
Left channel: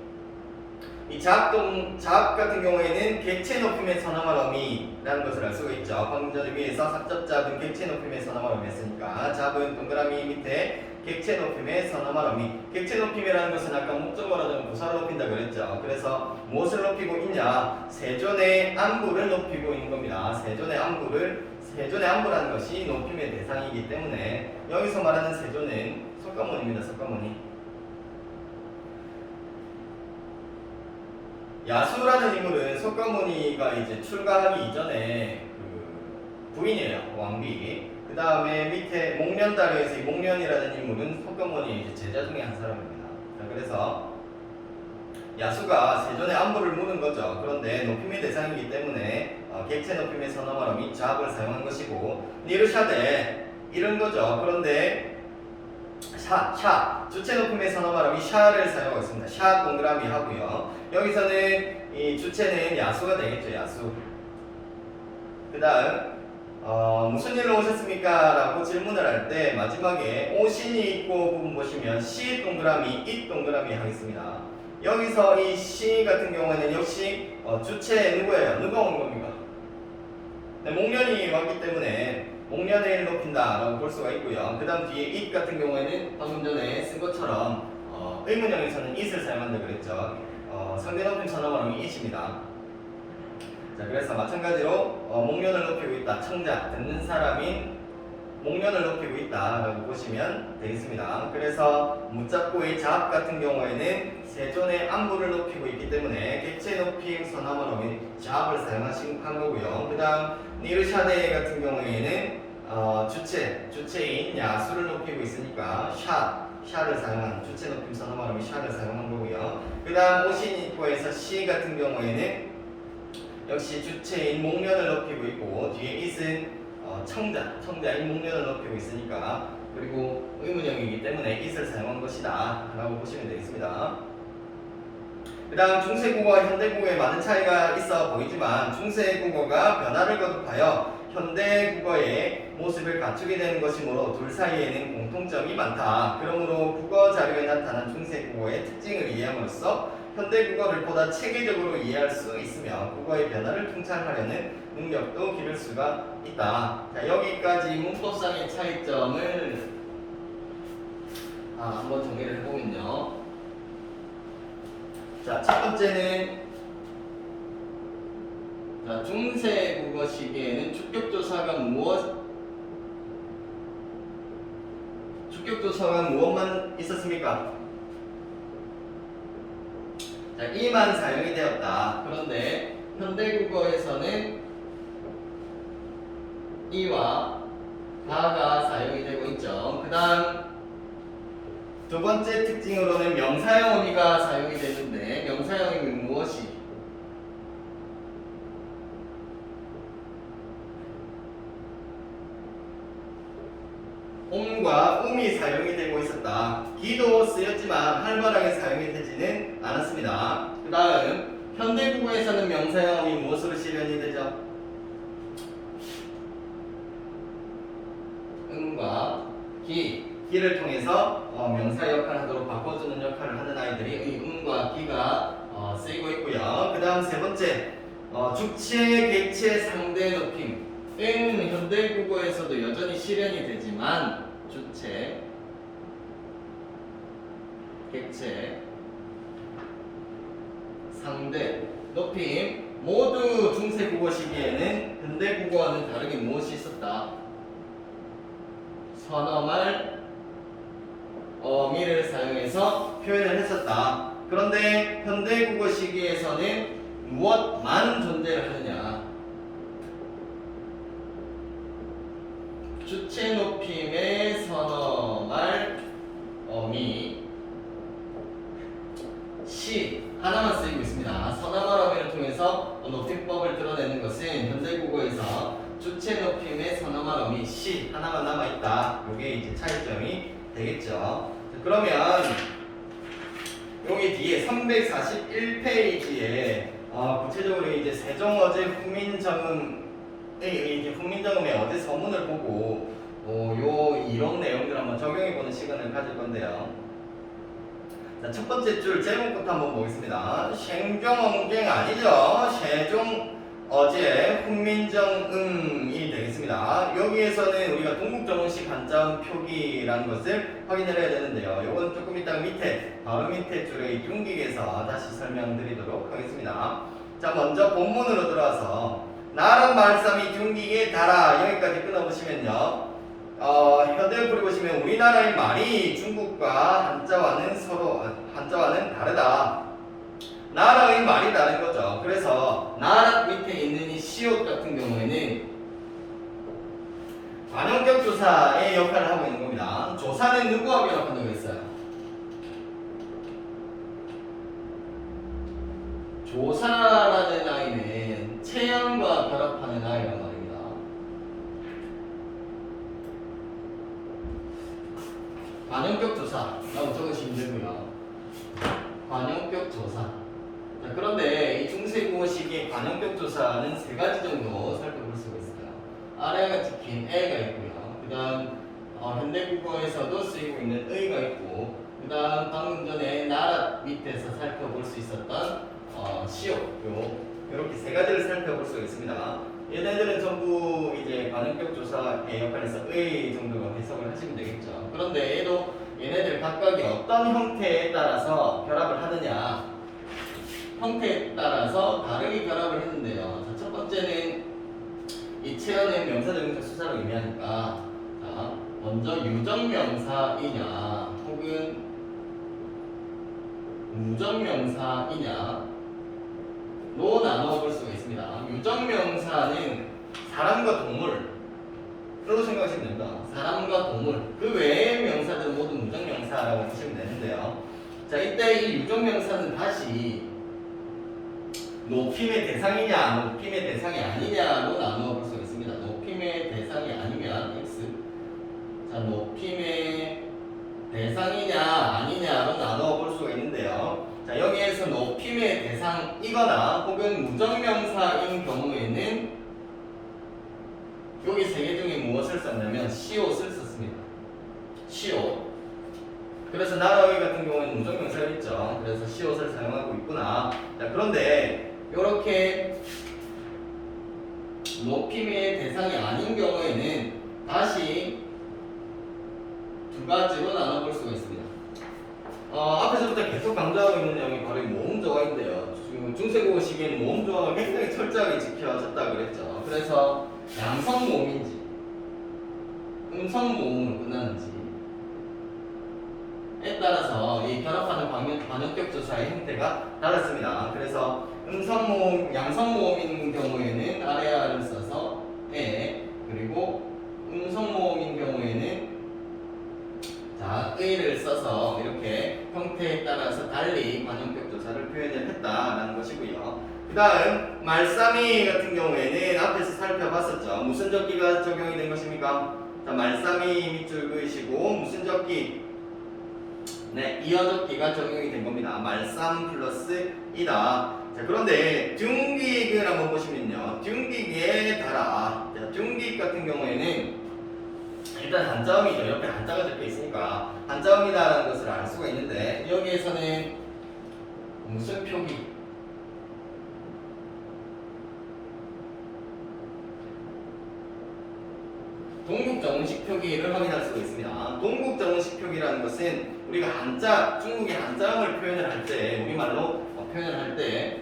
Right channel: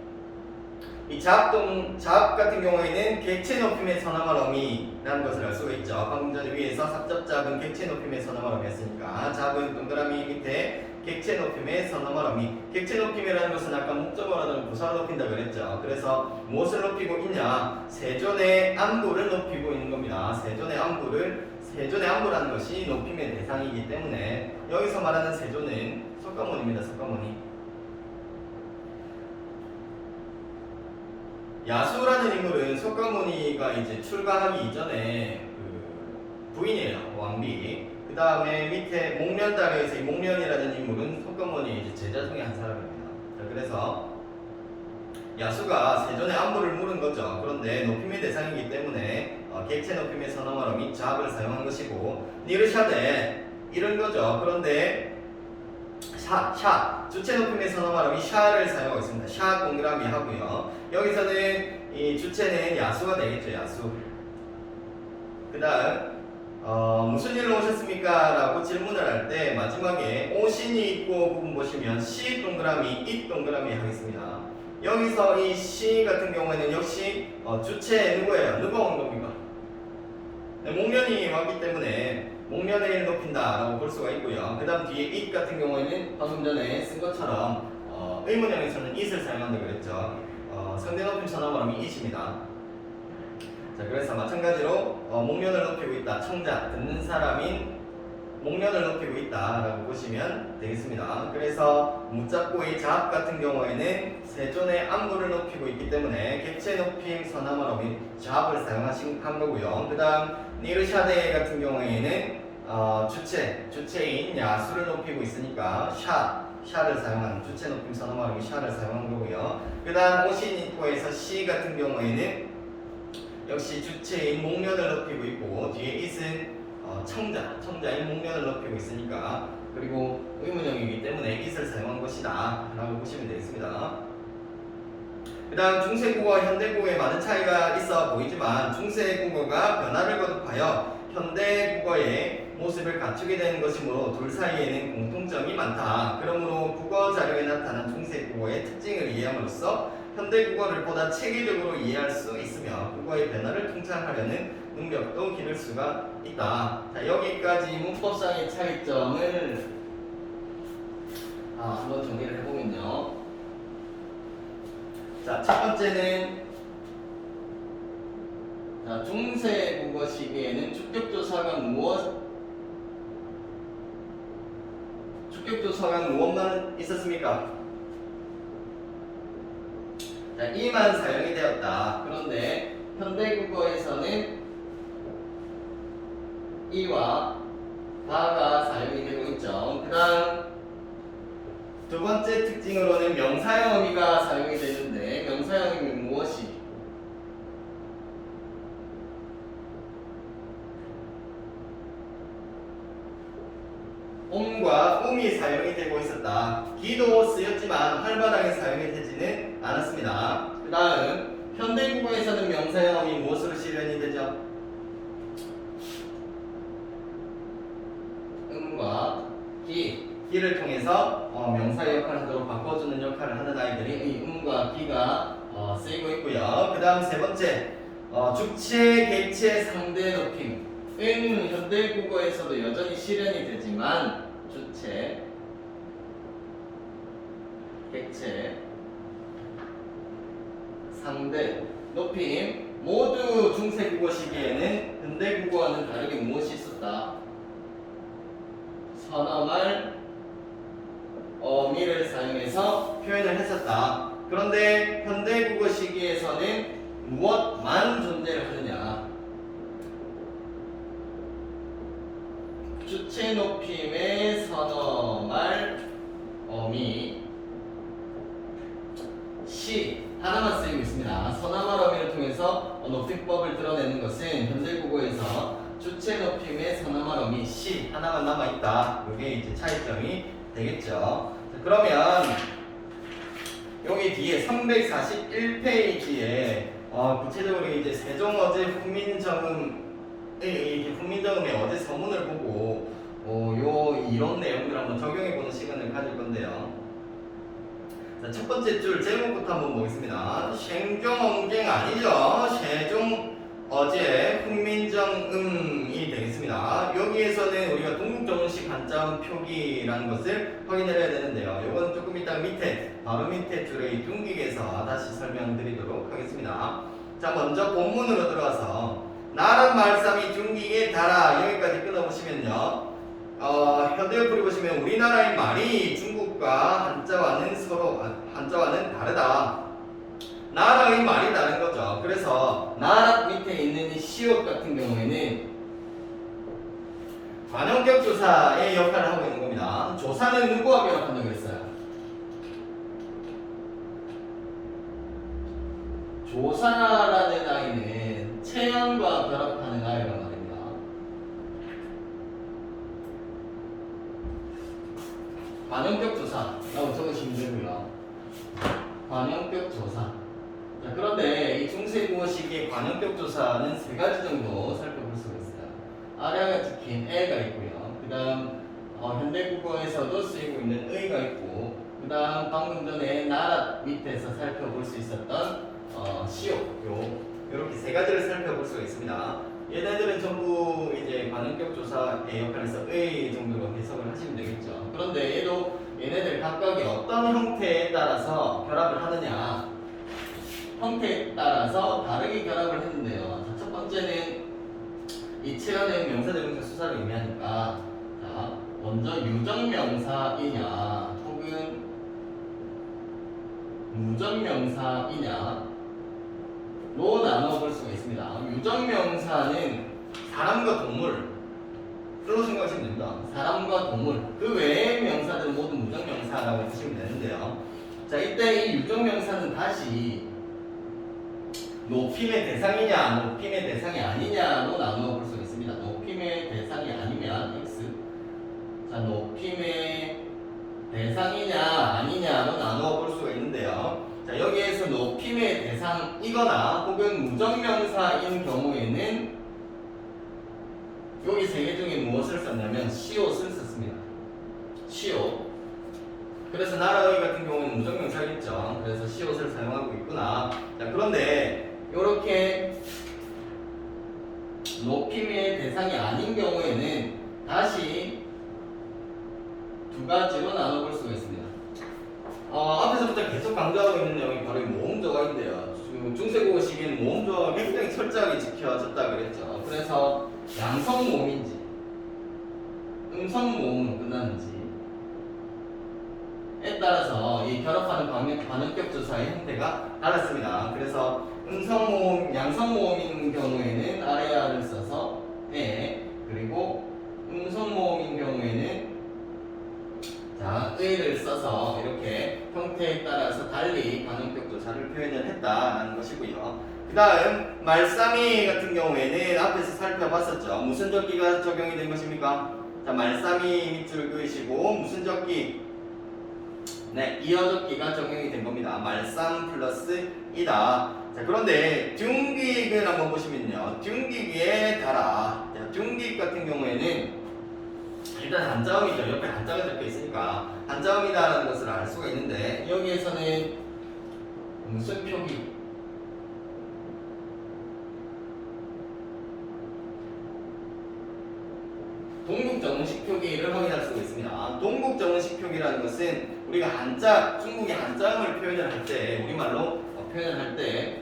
이 잡 같은 경우에는 객체 높임의 선어말음이라는 것을 알 수가 있죠. 방금 전에 위에서 삽잡잡은 객체 높임의 선어말음이었으니까 잡은 동그라미 밑에 객체 높임의 선어말음이. 객체 높임이라는 것은 아까 목적어라든 부사를 높인다 그랬죠. 그래서 무엇을 높이고 있냐? 세존의 안부를 높이고 있는 겁니다. 세존의 안부라는 것이 높임의 대상이기 때문에 여기서 말하는 세존은 석가모니입니다. 석가모니. 야수라는 인물은 석가모니가 이제 출가하기 이전에 부인이에요. 왕비. 그 다음에 밑에 목련다리에서 이 목련이라는 인물은 석가모니의 이제 제자 중에 한 사람입니다. 자, 그래서 야수가 세존의 안부를 물은 거죠. 그런데 높임의 대상이기 때문에 객체 높임의 선어말음이 잡을 사용한 것이고 니르샤데 이런 거죠. 그런데 샤 주체 높임의 선어말음이 샤를 사용하고 있습니다. 샤 동그라미 하고요. 여기서는 이 주체는 야수가 되겠죠. 야수. 그 다음 무슨 일로 오셨습니까? 라고 질문을 할 때 마지막에 오신이 있고 부분 보시면 시 동그라미 잇 동그라미 하겠습니다. 여기서 이 시 같은 경우에는 역시 주체 누구예요? 누가 온 겁니까? 네, 목련이 왔기 때문에 목련을 높인다 라고 볼 수가 있고요. 그 다음 뒤에 it 같은 경우에는 방금 전에 쓴 것처럼 의문형에서는 it을 사용한다고 그랬죠. 상대 높임 선어말음이 it입니다. 자, 그래서 마찬가지로 목련을 높이고 있다. 청자, 듣는 사람인 목련을 높이고 있다 라고 보시면 되겠습니다. 그래서 묻잡고의 잡 같은 경우에는 세존의 안부를 높이고 있기 때문에 객체 높임 선어말음이 잡을 사용한 거고요. 그 다음 니르샤데 같은 경우에는 주체인 야수를 높이고 있으니까 샤를 사용한 주체 높임 선어말음이 샤를 사용한 거고요. 그 다음 오신이코에서 시 같은 경우에는 역시 주체인 목련을 높이고 있고 뒤에 it은 청자인 목련을 높이고 있으니까 그리고 의문형이기 때문에 it을 사용한 것이다 라고 보시면 되겠습니다. 그 다음 중세국어와 현대국어에 많은 차이가 있어 보이지만 중세국어가 변화를 거듭하여 현대국어의 모습을 갖추게 되는 것이므로 둘 사이에는 공통점이 많다. 그러므로 국어 자료에 나타난 중세국어의 특징을 이해함으로써 현대국어를 보다 체계적으로 이해할 수 있으며 국어의 변화를 통찰하려는 능력도 기를 수가 있다. 자, 여기까지 문법상의 차이점을 한번 정리를 해보면요. 자, 첫 번째는 자, 중세 국어 시기에는 주격조사가 무엇만 있었습니까? 자, 이만 사용이 되었다. 그런데 현대 국어에서는 이와 다가 사용이 되고 있죠. 그 다음 두 번째 특징으로는 명사형 어미가 사용이 되는데 명사형 어미는 무엇이? 옴과 음이 사용이 되고 있었다. 기도 쓰였지만 활발하게 사용이 되지는 않았습니다. 그 다음 현대국어에서는 명사형 어미 무엇으로 실현이 되죠? 음과 기를 통해서 명사 역할을 하도록 바꿔주는 역할을 하는 아이들이 이 음과 기가 쓰이고 있고요. 그 다음 세 번째 주체, 객체, 상대 높임. 현대국어에서도 여전히 실현이 되지만 주체, 객체, 상대, 높임 모두 중세국어 시기에는 현대국어와는 다르게 무엇이 있었다? 선어말, 어미를 사용해서 표현을 했었다. 그런데 현대국어 시기에서는 무엇만 존재를 하느냐? 주체 높임의 선어말, 어미, 시 하나만 쓰이고 있습니다. 선어말, 어미를 통해서 높임법을 드러내는 것은 현대국어에서 주체 높임의 선어말, 어미, 시 하나만 남아있다. 이게 이제 차이점이 되겠죠. 그러면 여기 뒤에 341페이지에 구체적으로 이제 세종어제 훈민정음의 어제 서문을 보고 요 이론 내용들 한번 적용해보는 시간을 가질 건데요. 자, 첫 번째 줄 제목부터 한번 보겠습니다. 생종엉갱 아니죠? 세종어제 훈민정음이 되겠습니다. 여기에서는 우리가 동국정원식 한자음 표기라는 것을 확인을 해야 되는데요. 요거는 조금 이따 바로 밑에 줄의 융기에서 다시 설명드리도록 하겠습니다. 자, 먼저 본문으로 들어와서 나란 말씀이 중기에 달아 여기까지 끊어보시면요. 현대어플을 보시면 우리나라의 말이 중국과 한자와는 다르다. 나라의 말이 다른 거죠. 그래서 나라 밑에 있는 이 시옷 같은 경우에는 관용격 조사의 역할을 하고 있는 겁니다. 조사는 누구와 결합한다고 했어요? 조사라는 아이는 체형과 결합하는 아이란 말입니다. 관용격 조사라고 적으시면 되고요. 관용격 조사. 자, 그런데 이 중세국어 시기의 관용격 조사는 세 가지 정도 살펴볼 수가 있어요. 아래가 찍힌 애가 있고요. 그 다음 현대국어에서도 쓰이고 있는 의가 있고, 그 다음 방금 전에 나라 밑에서 살펴볼 수 있었던 시옷, 이렇게 세 가지를 살펴볼 수가 있습니다. 얘네들은 전부 이제 관용격 조사의 역할에서 의 정도로 해석을 하시면 되겠죠. 그런데 얘네들 각각이 어떤 형태에 따라서 결합을 하느냐, 형태에 따라서 다르게 결합을 했는데요. 자, 첫 번째는 이 체현의 명사적인 수사를 의미하니까, 자, 먼저 유적명사이냐 혹은 무적명사이냐 로 나눠볼 수가 있습니다. 유적명사는 사람과 동물로 생각하시면 됩니다. 사람과 동물, 그 외의 명사들은 모두 무적명사라고 보시면 되는데요. 자, 이때 이 유적명사는 다시 높임의 대상이냐 높임의 대상이 아니냐로 나누어 볼 수가 있습니다. 높임의 대상이 아니면 X, 자, 높임의 대상이냐 아니냐로 나누어 볼 수가 있는데요. 자, 여기에서 높임의 대상이거나 혹은 무적명사인 경우에는 여기 세 개 중에 무엇을 썼냐면 시옷을 썼습니다. 시옷. 그래서 나라의 같은 경우는 무적명사겠죠. 그래서 시옷을 사용하고 있구나. 자, 그런데 이렇게 높임의 대상이 아닌 경우에는 다시 두 가지로 나눠볼 수가 있습니다. 앞에서부터 계속 강조하고 있는 내용이 바로 이 모음조화인데요. 지금 중세국어 시기에는 모음조화가 굉장히 철저하게 지켜졌다 그랬죠. 그래서 양성모음인지 음성모음으로 끝나는지에 따라서 이 결합하는 반역격 조사의 형태가 달랐습니다. 그래서 음성모음, 양성모음인 경우에는 아래아를 써서 그리고 음성모음인 경우에는 자, 의를 써서 이렇게 형태에 따라서 달리 반영격 조사를 표현을 했다라는 것이고요. 그 다음 말싸미 같은 경우에는 앞에서 살펴봤었죠. 무슨 적기가 적용이 된 것입니까? 자, 말싸미 밑줄 그으시고 무슨 적기? 네, 이어적기가 적용이 된 겁니다. 말싸움 플러스 이다. 자, 그런데 둔기익을 한번 보시면요. 둔기익의 달아. 자, 둔기익 같은 경우에는 일단 한자음이죠. 옆에 한자가 적혀 있으니까 한자음이다라는 것을 알 수가 있는데 여기에서는 무슨 표기? 동국정식 표기를 확인할 수가 있습니다. 동국정식 표기라는 것은 우리가 한자, 중국의 한자음을 표현을 할 때, 우리말로 표현을 할 때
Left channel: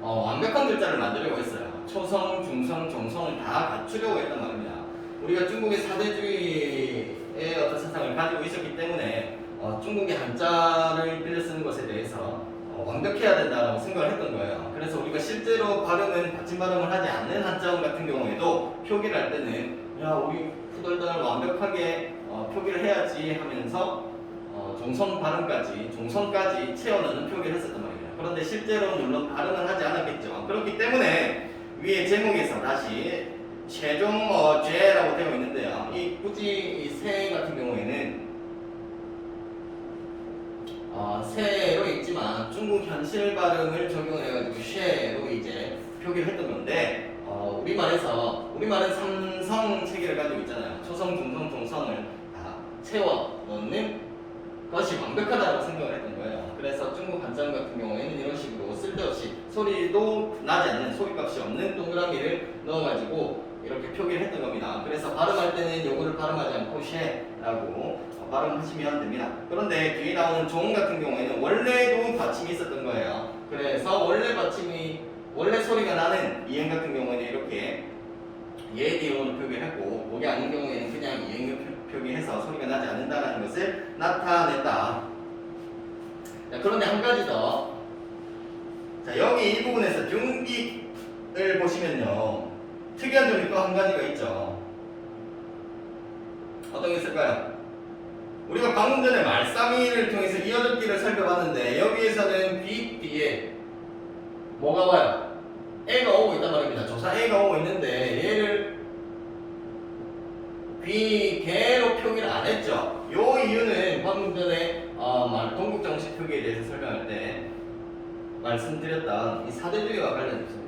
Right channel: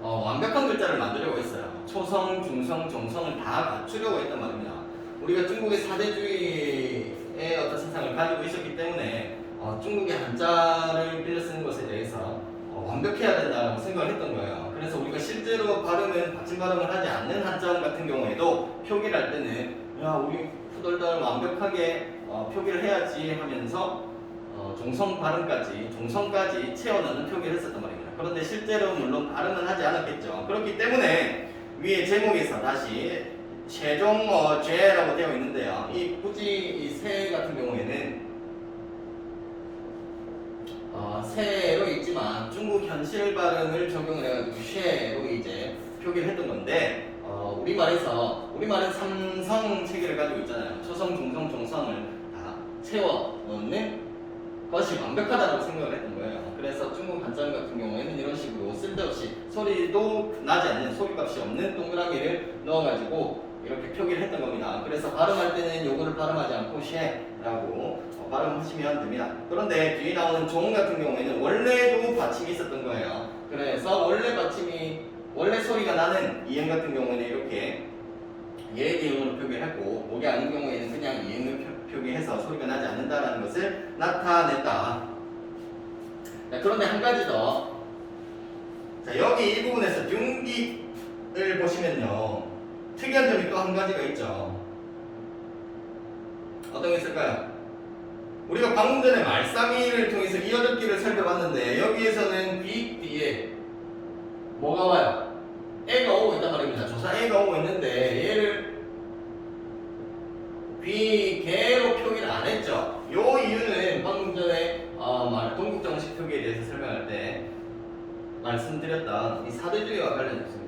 완벽한 글자를 만들려고 했어요. 초성, 중성, 종성을 다 갖추려고 했단 말입니다. 우리가 중국의 사대주의의 어떤 세상을 가지고 있었기 때문에 중국의 한자를 빌려 쓰는 것에 대해서 완벽해야 된다고 생각을 했던 거예요. 그래서 우리가 실제로 발음은 받침 발음을 하지 않는 한자음 같은 경우에도 표기를 할 때는 야 우리 후덜덜 완벽하게 표기를 해야지 하면서 종성 발음까지 종성까지 채워넣는 표기를 했었단 말이에요. 그런데 실제로 물론 발음은 하지 않았겠죠. 그렇기 때문에 위에 제목에서 다시 최종 죄라고 되어 있는데요. 이 굳이 이 세 같은 경우에는 세로 있지만 중국 현실 발음을 적용을 해가지고 쉐로 이제 표기를 했던 건데 우리말은 삼성 체계를 가지고 있잖아요. 초성, 중성, 종성을 다 채워 넣는 것이 완벽하다고 생각을 했던 거예요. 그래서 중국 한자음 같은 경우에는 이런 식으로 쓸데없이 소리도 나지 않는 소리값이 없는 동그라미를 넣어가지고 이렇게 표기를 했던 겁니다. 그래서 발음할 때는 요거를 발음하지 않고 쉐라고 발음하시면 됩니다. 그런데 뒤에 나오는 종 같은 경우에는 원래도 받침이 있었던 거예요. 그래서 원래 소리가 나는 이행 같은 경우에는 이렇게 예기음으로 표기했고 목이 아닌 경우에는 그냥 이행을 표기해서 소리가 나지 않는다라는 것을 나타냈다. 자, 그런데 한 가지 더. 자, 여기 이 부분에서 둔기를 보시면요. 특이한 점이 또 한 가지가 있죠. 어떤 게 있을까요? 우리가 방금 전에 말싸미를 통해서 이어적기를 살펴봤는데 여기에서는 귀 뒤에 뭐가 와요? 애가 오고 있단 말입니다. 조사 애가 오고 있는데 얘를 귀, 개로 표기를 안 했죠. 요 이유는 방금 전에 동국정식 표기에 대해서 설명할 때 말씀드렸던 이 사대주의와 관련이 있습니다.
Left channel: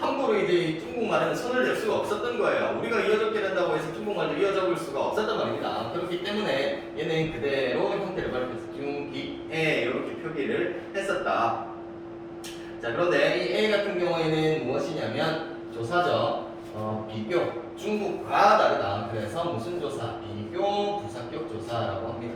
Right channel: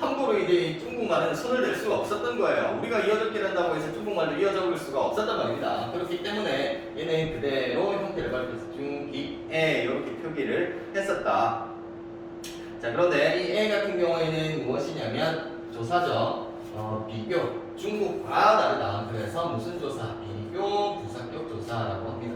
함부로 이제 중국말은 손을 댈 수가 없었던 거예요. 우리가 이어적기를 한다고 해서 중국말도 이어적을 수가 없었단 말입니다. 그렇기 때문에 얘는 그대로 형태를 발표해서 중기에 이렇게 표기를 했었다. 자, 그런데 이 애 같은 경우에는 무엇이냐면 조사죠. 비교. 중국과 다르다. 그래서 무슨 조사? 비교 부사격 조사라고 합니다.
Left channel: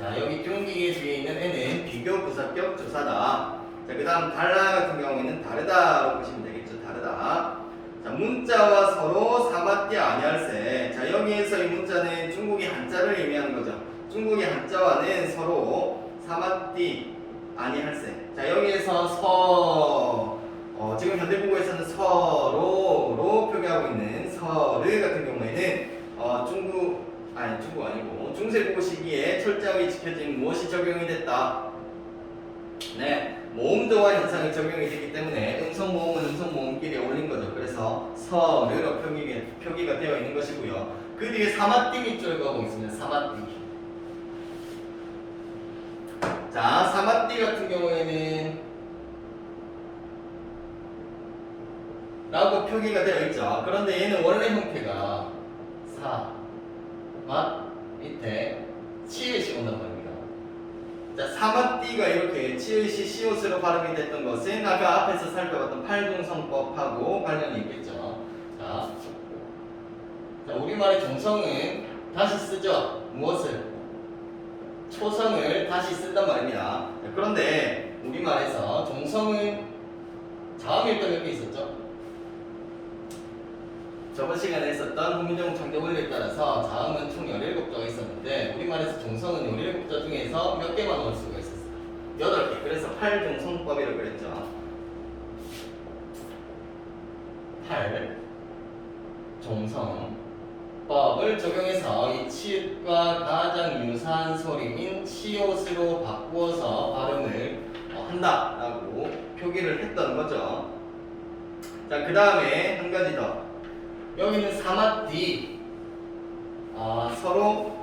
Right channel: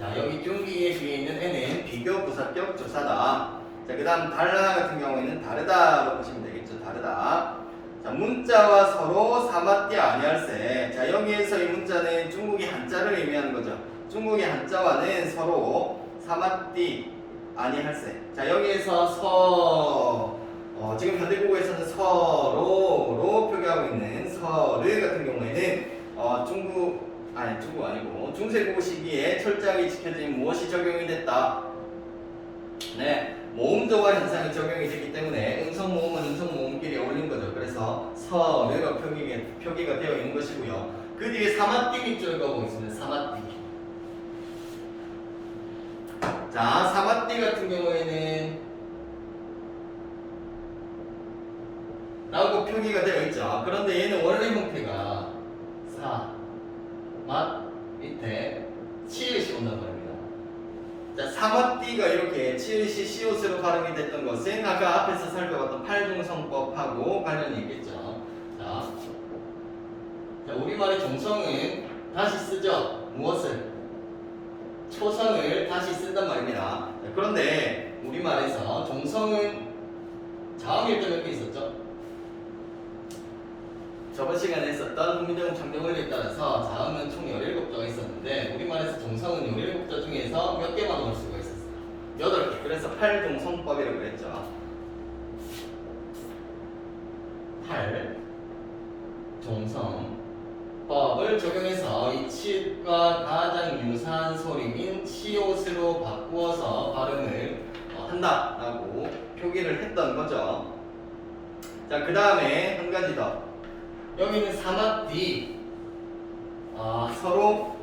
자, 여기 중기의 뒤에 있는 애는 비교 부사격 조사다. 자, 그 다음 달라 같은 경우에는 다르다로 보시면 되겠죠. 다르다. 자, 문자와 서로 사마띠 아니할세. 자, 여기에서 이 문자는 중국의 한자를 의미하는 거죠. 중국의 한자와는 서로 사마띠 아니할세. 자, 여기에서 지금 현대국어에서는 서로로 표기하고 있는 서르 같은 경우에는 중국 아니고 중세국어 시기에 철저하게 지켜진 무엇이 적용이 됐다. 네, 모음조화 현상이 적용이 되기 때문에 음성모음은 음성모음끼리 어울린 거죠. 그래서 서르로 표기가 되어 있는 것이고요. 그 뒤에 사마띠 밑줄 그어보고 있습니다. 사마띠. 자, 사마띠 같은 경우에는 라고 표기가 되어 있죠. 그런데 얘는 원래 형태가 맛 밑에 치읓이 온단 말입니다. 자, 사마띠가 이렇게 치읓이 시옷으로 발음이 됐던 것은 아까 앞에서 살펴봤던 팔중성법하고 관련이 있겠죠. 자, 우리말의 종성은 다시 쓰죠. 무엇을? 초성을 다시 쓴단 말입니다. 자, 그런데 우리말에서 종성은 자음이 일단 몇 개 있었죠? 저번 시간에 했었던 훈민정음 창조 원리에 따라서 자음은 총 17자가 있었는데 우리말에서 종성은 17자 중에서 몇 개만 넣을 수가 있었어요? 8개. 그래서 8종성법이라고 그랬죠. 8종성법을 적용해서 이 치읓과 가장 유사한 소리인 치옷으로 바꾸어서 발음을 한다라고 표기를 했던 거죠. 자, 그 다음에 한 가지 더. 여기는 사마띠. 서로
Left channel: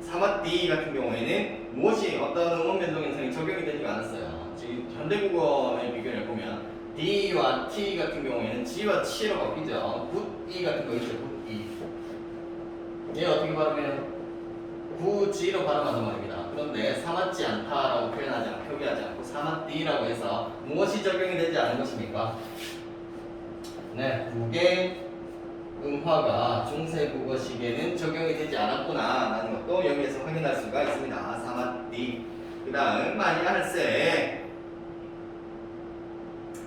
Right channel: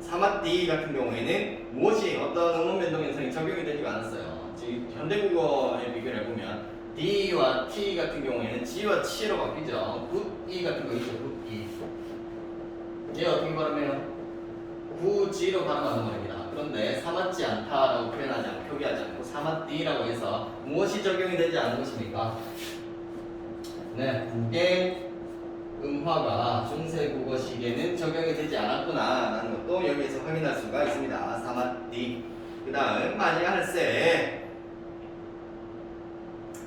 사마띠 같은 경우에는 무엇이 어떤 음원 변동 현상이 적용이 되지가 않았어요. 지금 현대국어의 비교를 해보면 D와 T 같은 경우에는 G와 T로 바뀌죠. 굿이 같은 거 있죠. 굿이. 얘 어떻게 발음해요? 구지로 발음하는 말입니다. 그런데 사맞지 않다라고 표현하지 않고 표기하지 않고 사맞디라고 해서 무엇이 적용이 되지 않은 것입니까? 네, 국의 음화가 중세국어식에는 적용이 되지 않았구나 라는 것도 여기에서 확인할 수가 있습니다. 사맞디. 그 다음 만약할세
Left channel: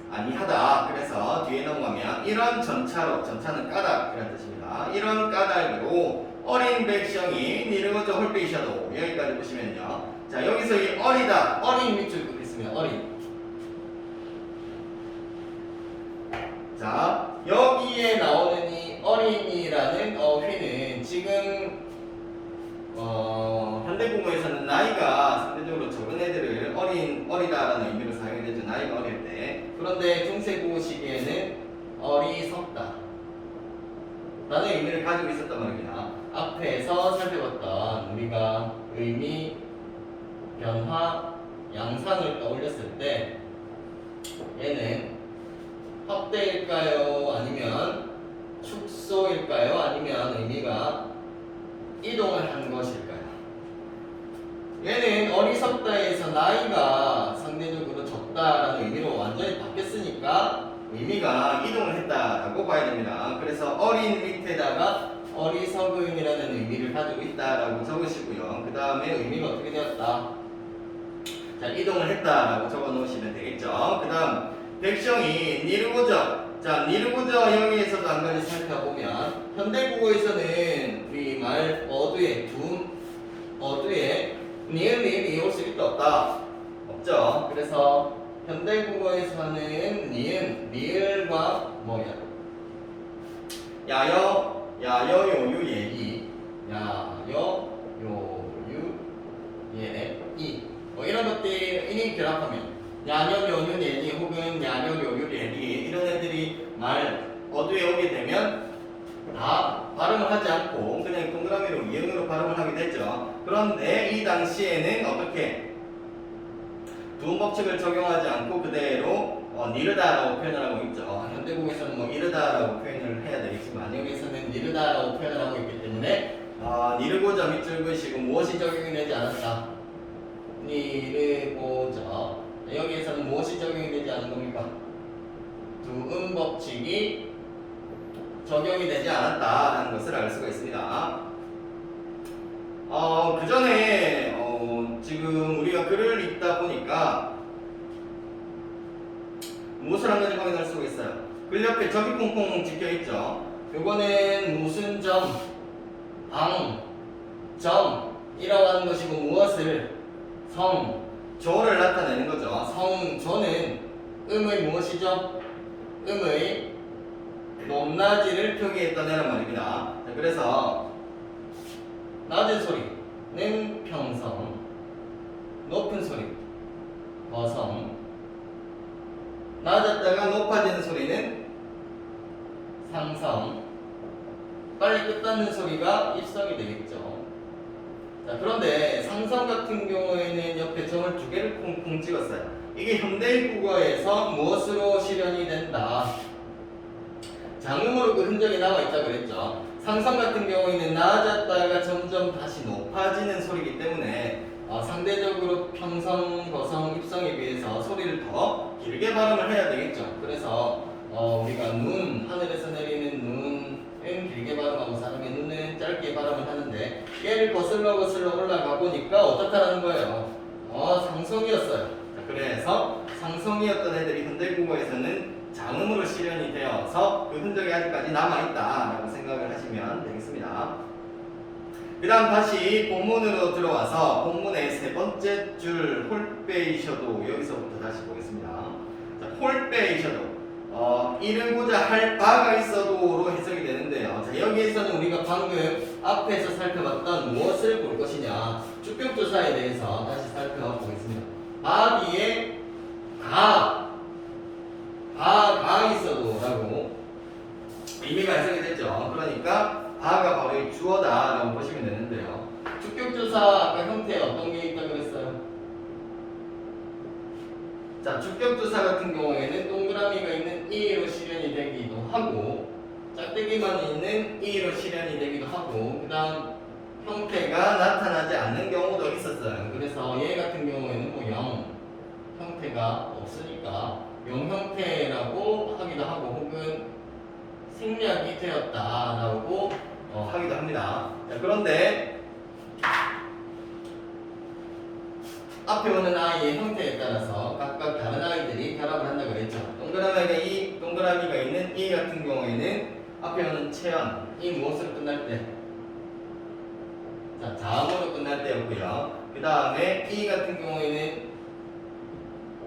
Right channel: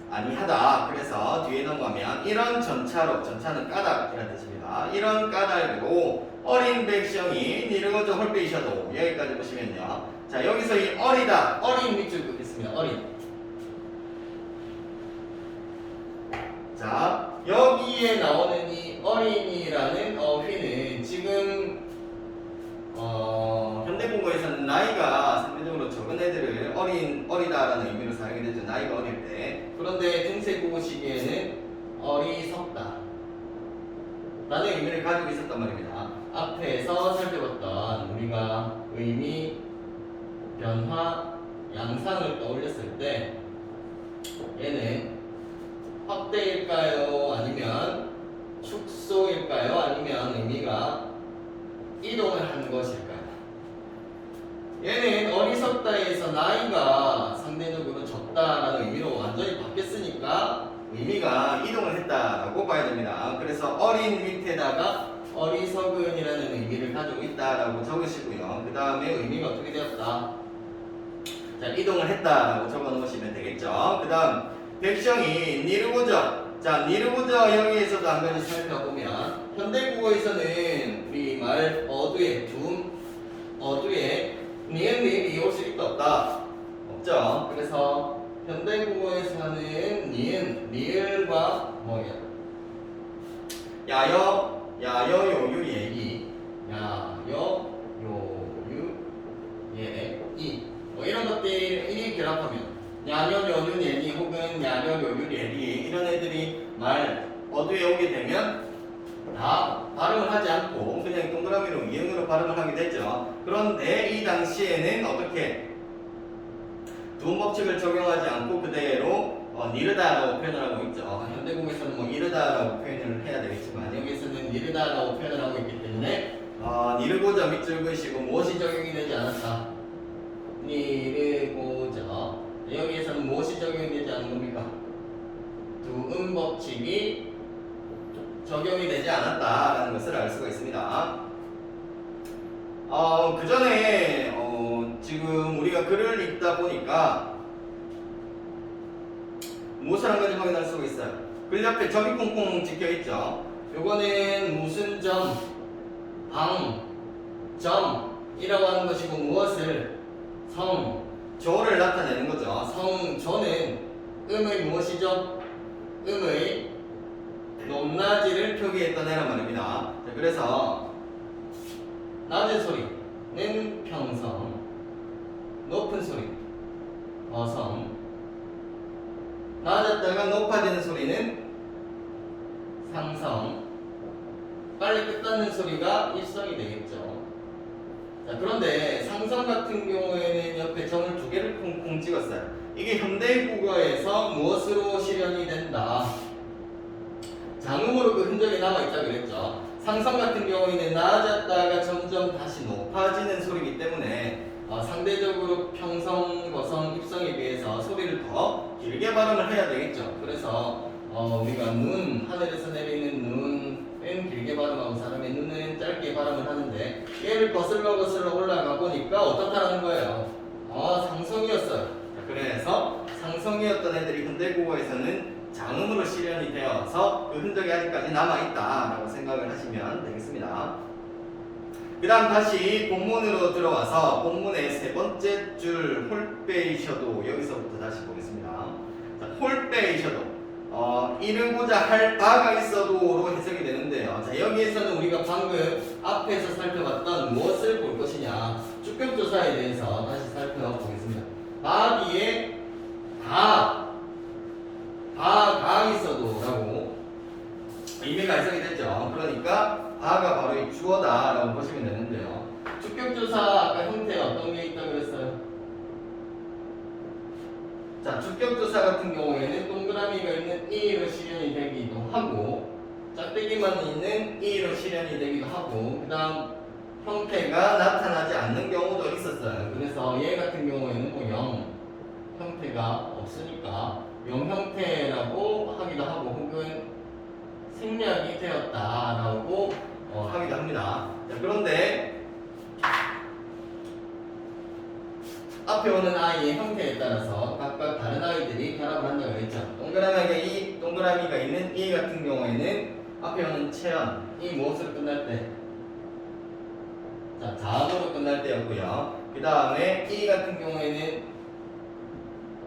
아니하다. 그래서 뒤에 넘어가면 이런 전차로, 전차는 까닭 그런 뜻입니다. 이런 까닭으로 어린 백성이 니르고저 홀빼이셔도 여기까지 보시면요. 자, 여기서 이 어리다, 어린 밑줄 긋겠습니다. 어린. 자, 여기에 나오는 이 어린이라는 어휘는 지금 현대국어에서는 나이가 상대적으로 적은 애들을 어리다라는 의미로 사용이 되죠. 나이가 어릴 때. 그런데 중세국어 시기에는 어리석다 라는 의미를 가지고 있었단 말입니다. 앞에서 살펴봤던 우리가 의미, 변화, 양상을 떠올렸을 때 얘는 확대일까요? 아니면 축소일까요? 아니면 의미가 이동을 한 것일까요? 얘는 어리석다에서 나이가 상대적으로 적다라는 의미로 완전히 바뀌었으니까 의미가 이동을 했다라고 봐야 됩니다. 그래서 어린 밑에다가 어리석은이라는 의미를 가지고 있다라고 적으시고요. 그 다음에 의미가 어떻게 되었다? 자, 이동을 했다라고 적어 놓으시면 되겠죠. 그 다음 백성이 니르고저. 자, 니르고저 여기에서도 한 가지 살펴보면 현대국어에서는 우리 말 어두에 어두에 니은 니은이 올 수 있다 없다? 없죠. 그래서 현대국어에서는 니은 리을과 뭐야? 야여 요유 예이 야여 요유 예이 뭐 이런 것들이 결합하면 야녀 요유 예이 혹은 야녀 요유 예이 이런 애들이 말 어두에 오게 되면 다 발음을 하지 않고 그냥 동그라미로 이응으로 발음을 하게 되죠. 그런데 이 당시에는 어떻게 두음 법칙을 적용하지 않고 그대로 니르다라고 표현을 하고 있죠. 현대국에서는 뭐 이르다라고 표현을 해야 되겠지만 여기서는 니르다라고 표현을 하고 있기 때문에 니르고자 밑줄 그으시고 무엇이 적용이 되지 않았다. 니르고자. 여기에서는 무엇이 적용이 되지 않은 겁니까? 두음 법칙이 적용이 되지 않았다라는 것을 알 수가 있습니다. 그 전에 지금 우리가 글을 읽다 보니까 무엇을 한 가지 확인할 수가 있어요. 글 옆에 점이 콩콩 찍혀 있죠. 요거는 무슨 점, 점이라고 하는 것이고 무엇을 조를 나타내는 거죠. 조는 음의 무엇이죠? 음의 높낮이를 표기했던 애란 말입니다. 자, 그래서 낮은 소리는 평성, 높은 소리 거성, 낮았다가 높아지는 소리는 상성, 빨리 끝나는 소리가 입성이 되겠죠. 자, 그런데 상성 같은 경우에는 옆에 점을 2개를 콩콩 찍었어요. 이게 현대국어에서 무엇으로 실현이 된다? 장음으로 그 흔적이 남아있다 그랬죠. 상성 같은 경우에는 낮았다가 점점 다시 높아지는 소리이기 때문에 상대적으로 평성, 거성, 입성에 비해서 소리를 더 길게 발음을 해야 되겠죠. 그래서 우리가 눈, 하늘에서 내리는 길게 발음하고 사람의 눈은 짧게 발음을 하는데 얘를 거슬러 올라가 보니까 어떻다라는 거예요. 상성이었어요. 그래서 상성이었던 애들이 현대국어에서는 장음으로 실현이 되어서 그 흔적이 아직까지 남아있다라고 생각을 하시면 되겠습니다. 그 다음 다시 본문으로 들어와서 본문의 세 번째 줄 홀빼이셔도 여기서부터 다시 보겠습니다. 자, 홀빼이셔도 이르고자 할 바가 있어도로 해석이 되는데요. 자, 여기에서는 우리가 방금 앞에서 살펴봤던 무엇을 볼 것이냐 주격조사에 대해서 다시 살펴보겠습니다. 바 뒤에 가 있어도 라고 의미가 해석이 됐죠. 그러니까 바가 바로 이 주어다 라고 보시면 되는데요. 주격조사 아까 형태에 어떤 게 있다고 그랬어요? 자, 주격조사 같은 경우에는 동그라미가 있는 이로 실현이 되기도 하고 짝대기만 있는 이로 실현이 되기도 하고 그 다음 형태가 나타나지 않는 경우도 있었어요. 그래서 얘 같은 경우에는 뭐 0 형태가 없으니까 0 형태라고 하기도 하고 혹은 생략이 되었다라고 하기도 합니다. 자, 그런데 앞에 오는 아이의 형태에 따라서 각각 다른 아이들이 결합을 한다고 그랬죠. 동그라미가 있는 이 같은 경우에는 앞에 오는 체연, 이 무엇으로 끝날 때? 자, 자음으로 끝날 때였고요. 그 다음에 이 같은 경우에는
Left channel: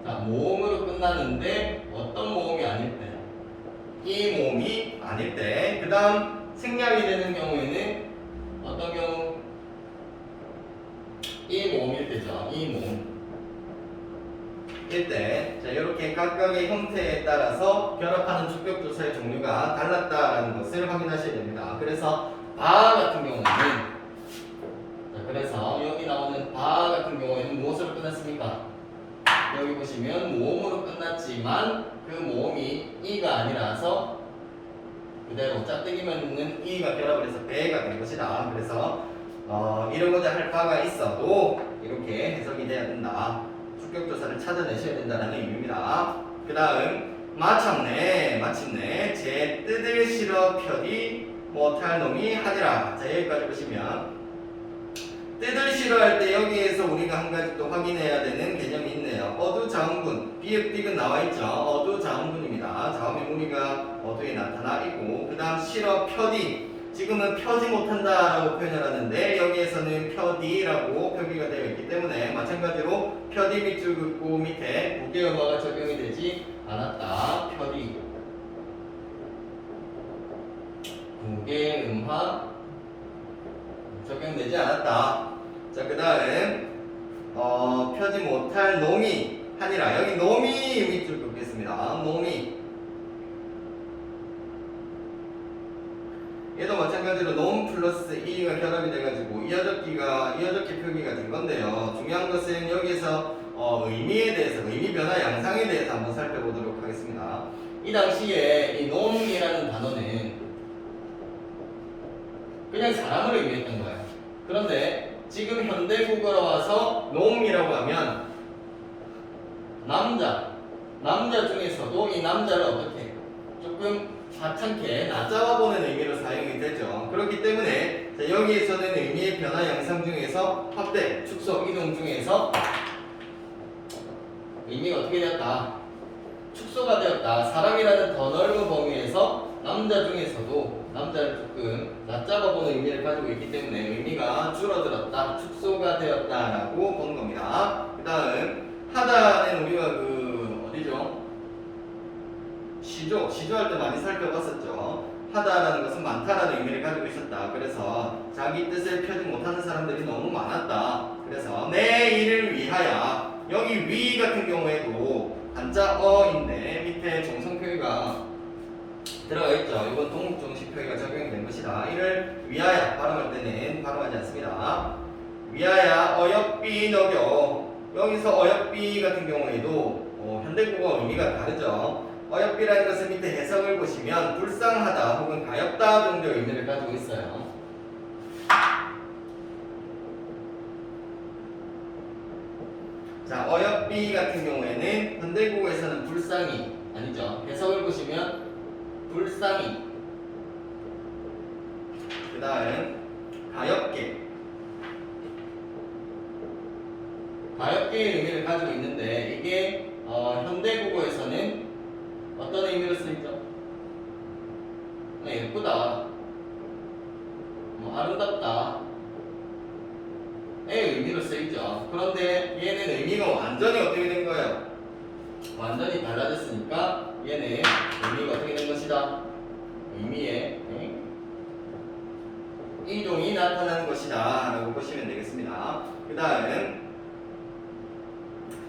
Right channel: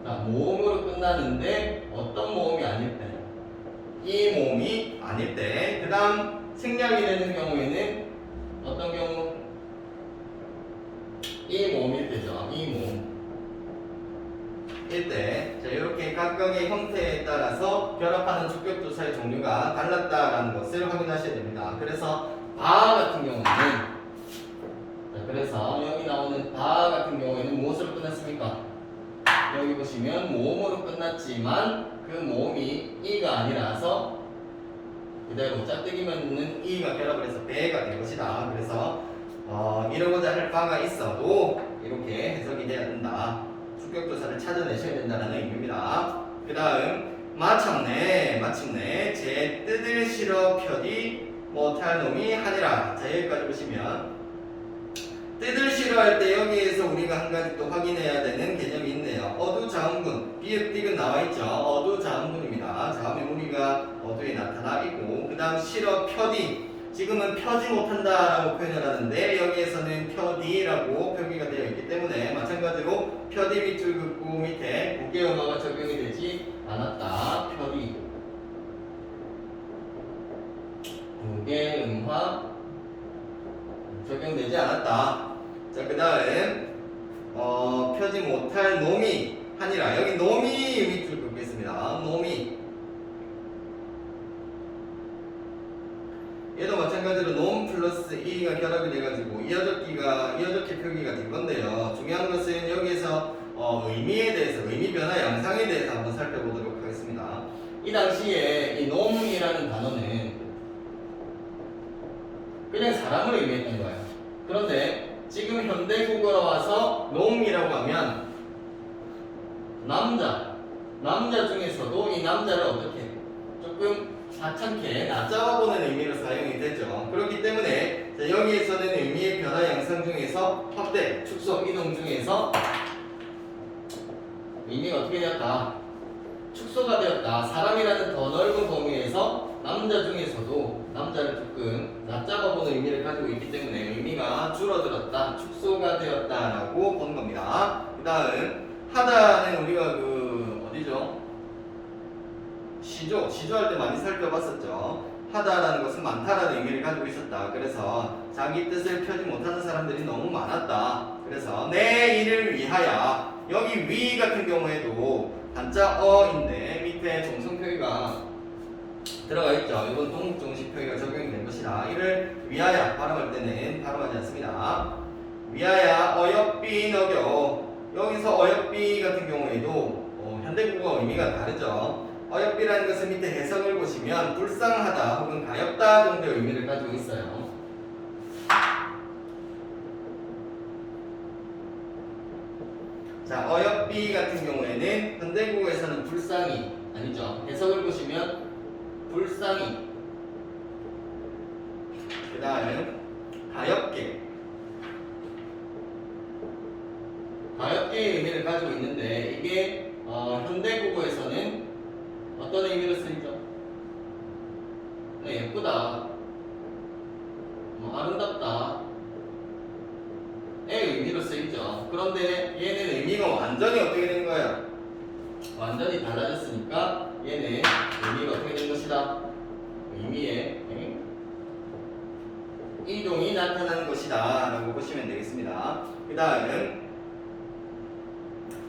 자, 모음으로 끝나는데 어떤 모음이 아닐 때? 이 모음이 아닐 때. 그 다음 생략이 되는 경우에는 어떤 경우? 이 모음일 때죠. 이 모음. 일 때. 자, 이렇게 각각의 형태에 따라서 결합하는 주격조사의 종류가 달랐다라는 것을 확인하셔야 됩니다. 그래서 바 같은 경우는 자, 그래서 여기 나오는 바 같은 경우에는 무엇으로 끝났습니까? 여기 보시면 모음으로 끝났지만 그 모음이 이가 아니라서 그대로 짝대기만 있는 이가 결합을 해서 배가 된 것이다. 그래서 이러고자 할 바가 있어도 이렇게 해석이 돼야 된다. 주격조사를 찾아내셔야 된다는 의미입니다. 그 다음 마침내 제 뜻을 실어 펴디 못할 놈이 하니라. 자, 여기까지 보시면 뜻을 실어할 때 여기에서 우리가 한 가지 또 확인해야 되는 개념이 있네요. 어두자음군, 비읍디귿 나와있죠. 어두자음군입니다. 자음의 무리가 어두에 나타나 있고 그 다음 실어 펴디, 지금은 펴지 못한다라고 표현을 하는데 여기에서는 펴디라고 표기가 되어 있기 때문에 마찬가지로 펴디 밑줄 긋고 밑에 무게음화가 적용이 되지 않았다. 펴디 무게음화 적용되지 않았다. 자, 그 다음 펴지 못할 놈이 하니라. 여기 놈이 밑줄 긋겠습니다. 놈이 얘도 마찬가지로 놈 플러스 이가 결합이 돼가지고 이어적기 표기가 된 건데요. 중요한 것은 여기에서 의미에 대해서, 의미 변화 양상에 대해서 한번 살펴보도록 하겠습니다. 이 당시에 이 놈이라는 단어는 그냥 사람을 의미했던 거예요. 그런데 지금 현대국어로 와서 놈이라고 하면 남자 중에서도 이 남자를 어떻게 조금 하찮게 낮잡아 보는 의미로 사용이 되죠. 그렇기 때문에 자, 여기에서는 의미의 변화 양상 중에서 확대, 축소, 이동 중에서 의미가 어떻게 되었다? 축소가 되었다. 사람이라는 더 넓은 범위에서 남자 중에서도 남자를 조금 낮잡아 보는 의미를 가지고 있기 때문에 의미가 줄어들었다, 축소가 되었다라고 보는 겁니다. 그 다음 하다는 우리가 어디죠? 시조할 때 많이 살펴봤었죠. 하다라는 것은 많다라는 의미를 가지고 있었다. 그래서 자기 뜻을 펴지 못하는 사람들이 너무 많았다. 그래서 내 일을 위하여, 여기 위 같은 경우에도 한자 어인데 밑에 정성표기가 들어가 있죠. 이건 동국정식 표기가 적용이 된 것이다. 이를 위하여 발음할 때는 발음하지 않습니다. 위하여 어여삐 너겨. 여기서 어여삐 같은 경우에도 현대국어 의미가 다르죠. 어여삐라는 것은 밑에 해석을 보시면 불쌍하다 혹은 가엾다 정도의 의미를 가지고 있어요. 자, 어여삐 같은 경우에는 현대국어에서는 불쌍히 아니죠. 해석을 보시면 불쌍히 그 다음 가엾게. 가엾게의 의미를 가지고 있는데 이게 현대국어에서는 어떤 의미로 쓰이죠? 네, 예쁘다, 뭐 아름답다 의 의미로 쓰이죠. 그런데 얘는 의미가 완전히 어떻게 된 거예요? 완전히 달라졌으니까 얘는 의미가 어떻게 된 것이다? 의미의 이동이 나타나는 것이다 라고 보시면 되겠습니다. 그 다음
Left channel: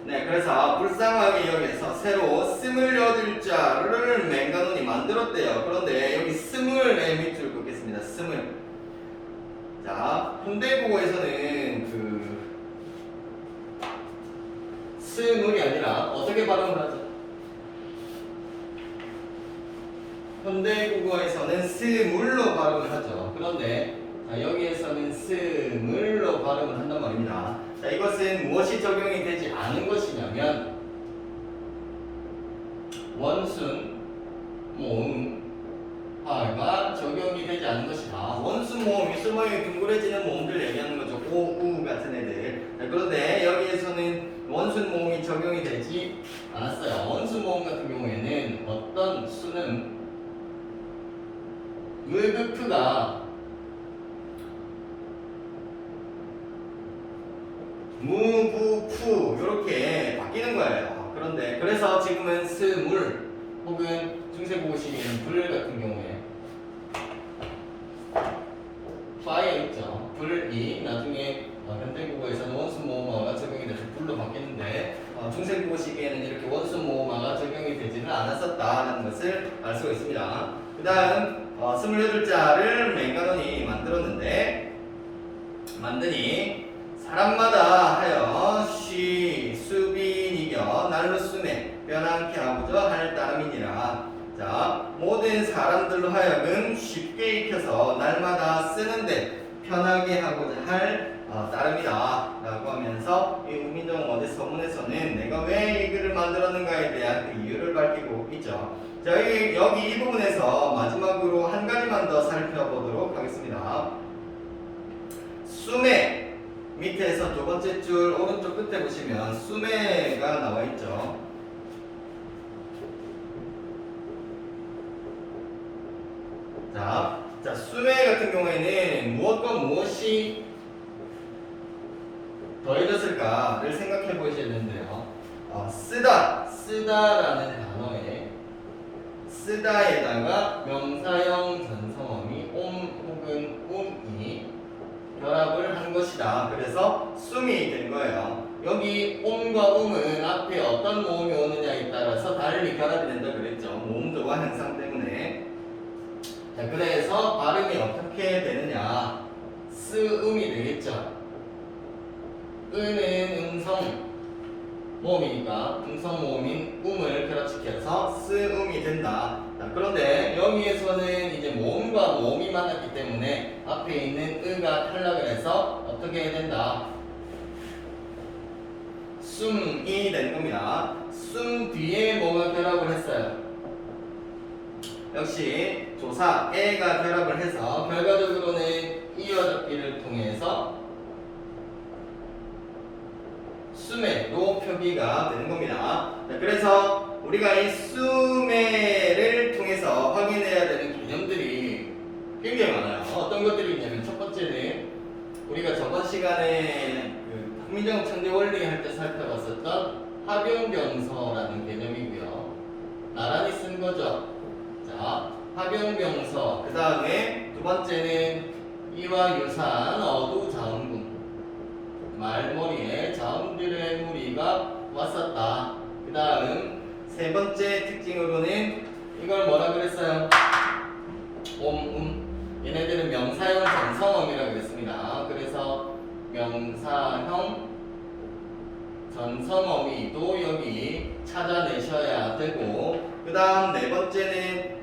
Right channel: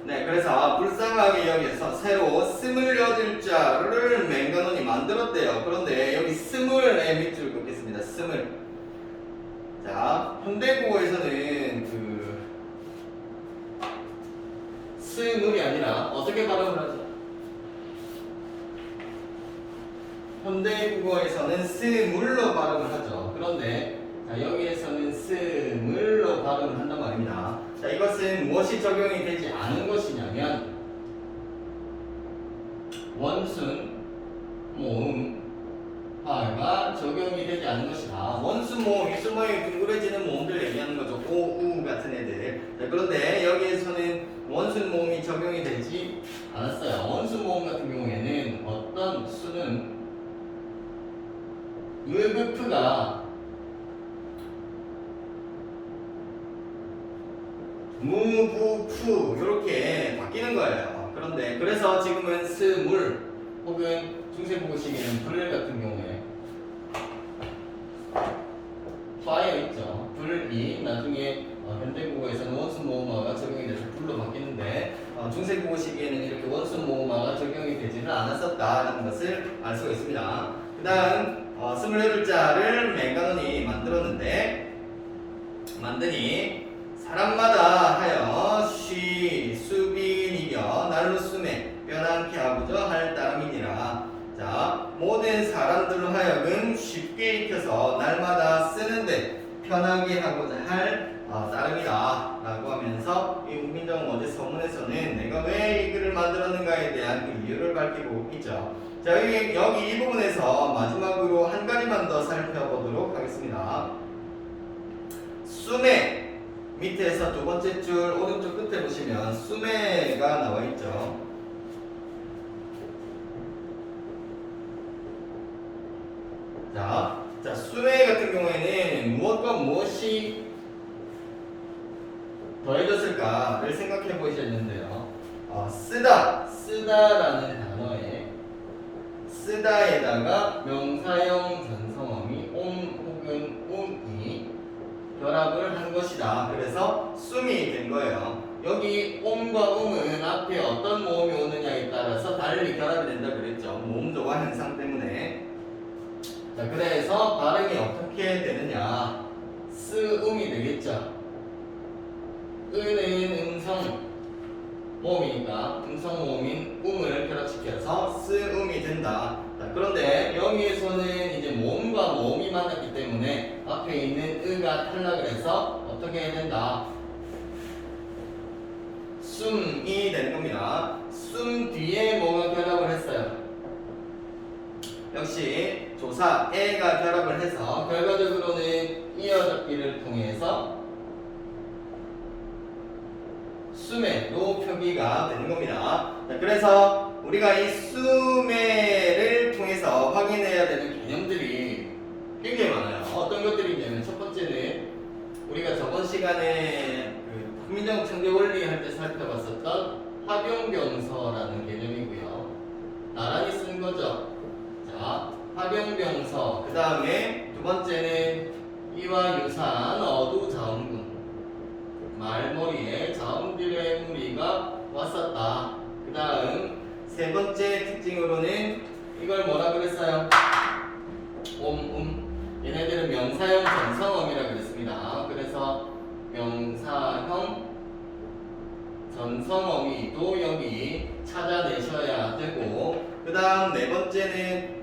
네, 그래서 불쌍하게 여기에서 새로 28자를 맹간원이 만들었대요. 그런데 여기 스물의 밑줄을 긋겠습니다. 스물. 자, 현대국어에서는 그 스물이 아니라 어떻게 발음을 하죠? 현대국어에서는 스물로 발음을 하죠. 그런데 자, 여기에서는 스물로 발음을 한단 말입니다. 자, 이것은 무엇이 적용이 되지 않은 것이냐면 원순, 모음, 하가 적용이 되지 않는 것이다. 원순 모음, 윗술 모양이 둥그레지는 모음들 얘기하는 거죠. 오, 우 같은 애들. 자, 그런데 여기에서는 원순 모음이 적용이 되지 않았어요. 원순 모음 같은 경우에는 어떤 수는 의극프가 무부푸 이렇게 바뀌는 거예요. 그런데 그래서 지금은 스물 혹은 중세국어식에는 불 같은 경우에 fire 있죠. 불이 나중에 현대국어에서는 원순 모음어가 적용이 돼서 불로 바뀌는데 중세국어식에는 이렇게 원순 모음어가 적용이 되지는 않았었다는 것을 알 수가 있습니다. 그 다음 28자를 맹간원이 만드니 사람마다 하여 쉬 수빈이며 날로 숨에 변함케 하고자 할 따름이니라. 자, 모든 사람들로 하여금 쉽게 익혀서 날마다 쓰는데 편하게 하고자 할 따름이다 라고 하면서 이 우민정 어제 서문에서는 내가 왜 이 글을 만들었는가에 대한 그 이유를 밝히고 있죠. 자, 여기 이 부분에서 마지막으로 한 가지만 더 살펴보도록 하겠습니다. 숨에 밑에서 두 번째 줄 오른쪽 끝에 보시면 숨에가 나와 있죠. 자, 숨에 같은 경우에는 무엇과 무엇이 더해졌을까를 생각해 보시는데요. 쓰다라는 단어에 쓰다에다가 명사형 전성어미 옴 혹은 움이 결합을 한 것이다. 그래서 숨이 된 거예요. 여기 옴과 음은 앞에 어떤 모음이 오느냐에 따라서 달리 결합이 된다 그랬죠. 모음 조화 현상 때문에. 자, 그래서 발음이 어떻게 되느냐? 쓰음이 되겠죠. 은은 음성 모음이니까 음성 모음인 음을 결합시켜서 쓰음이 된다. 자, 그런데 여기에서는 이제 모음과 모음이 만났기 때문에 앞에 있는 의가 탈락을 해서 어떻게 해야 된다? 숨이 되는 겁니다. 숨 뒤에 뭐가 결합을 했어요? 역시 조사 에가 결합을 해서 결과적으로는 이어잡기를 통해서 수매로 표기가 되는 겁니다. 자, 그래서 우리가 이 수매를 통해서 확인해야 되는 개념들이 굉장히 많아요. 어떤 것들이 있냐면 첫 번째는 우리가 저번 시간에 그 국민정 창제 원리 할 때 살펴봤었던 합용병서라는 개념이고요. 나란히 쓴 거죠. 자, 합용병서. 그 다음에 두 번째는 이와 유사한 어두자음군. 말머리에 자음들의 무리가 왔었다. 그 다음 세 번째 특징으로는 이걸 뭐라 그랬어요? 얘네들은 명사형 전성어미라고 그랬습니다. 그래서 명사형 전성어미도 여기 찾아내셔야 되고, 그 다음 네 번째는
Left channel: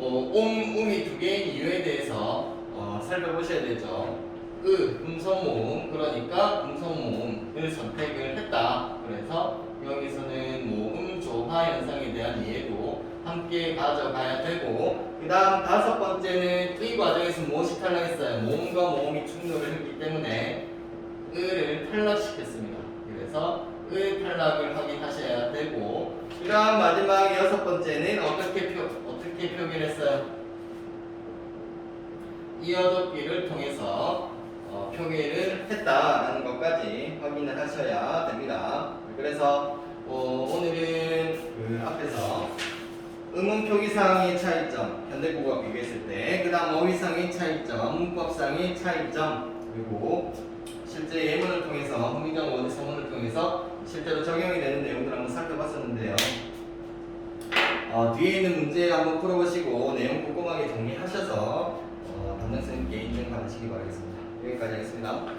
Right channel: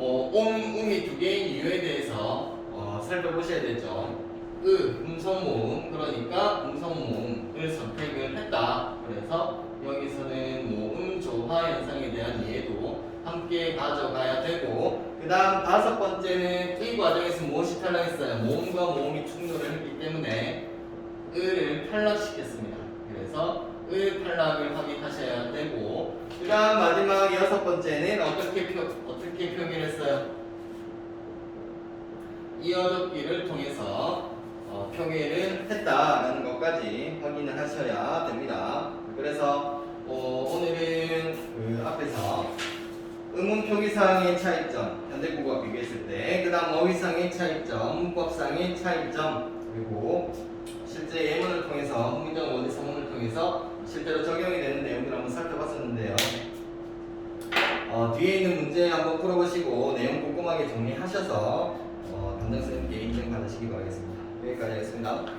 음이 두 개의 이유에 대해서 살펴보셔야 되죠. 음성모음, 그러니까 음성모음을 선택을 했다. 그래서 여기서는 모음 조화 현상에 대한 이해도 함께 함께 가져가야 되고, 그 다음 다섯 번째는 이 과정에서 무엇이 탈락했어요? 모음과 모음이 충돌을 했기 때문에 을을 탈락시켰습니다. 그래서 을 탈락을 확인하셔야 되고, 그 다음 마지막 여섯 번째는 어떻게 표기했어요? 이어접기를 통해서 표기를 했다라는 것까지 확인을 하셔야 됩니다. 그래서 오늘은 그 앞에서 음운 표기상의 차이점, 현대국어와 비교했을 때, 그 다음 어휘상의 차이점, 문법상의 차이점, 그리고 실제 예문을 통해서, 흥미정 원리 서문을 통해서 실제로 적용이 되는 내용들을 한번 살펴봤었는데요. 뒤에 있는 문제 한번 풀어보시고 내용 꼼꼼하게 정리하셔서 담당 선생님께 인증 받으시기 바라겠습니다. 여기까지 하겠습니다.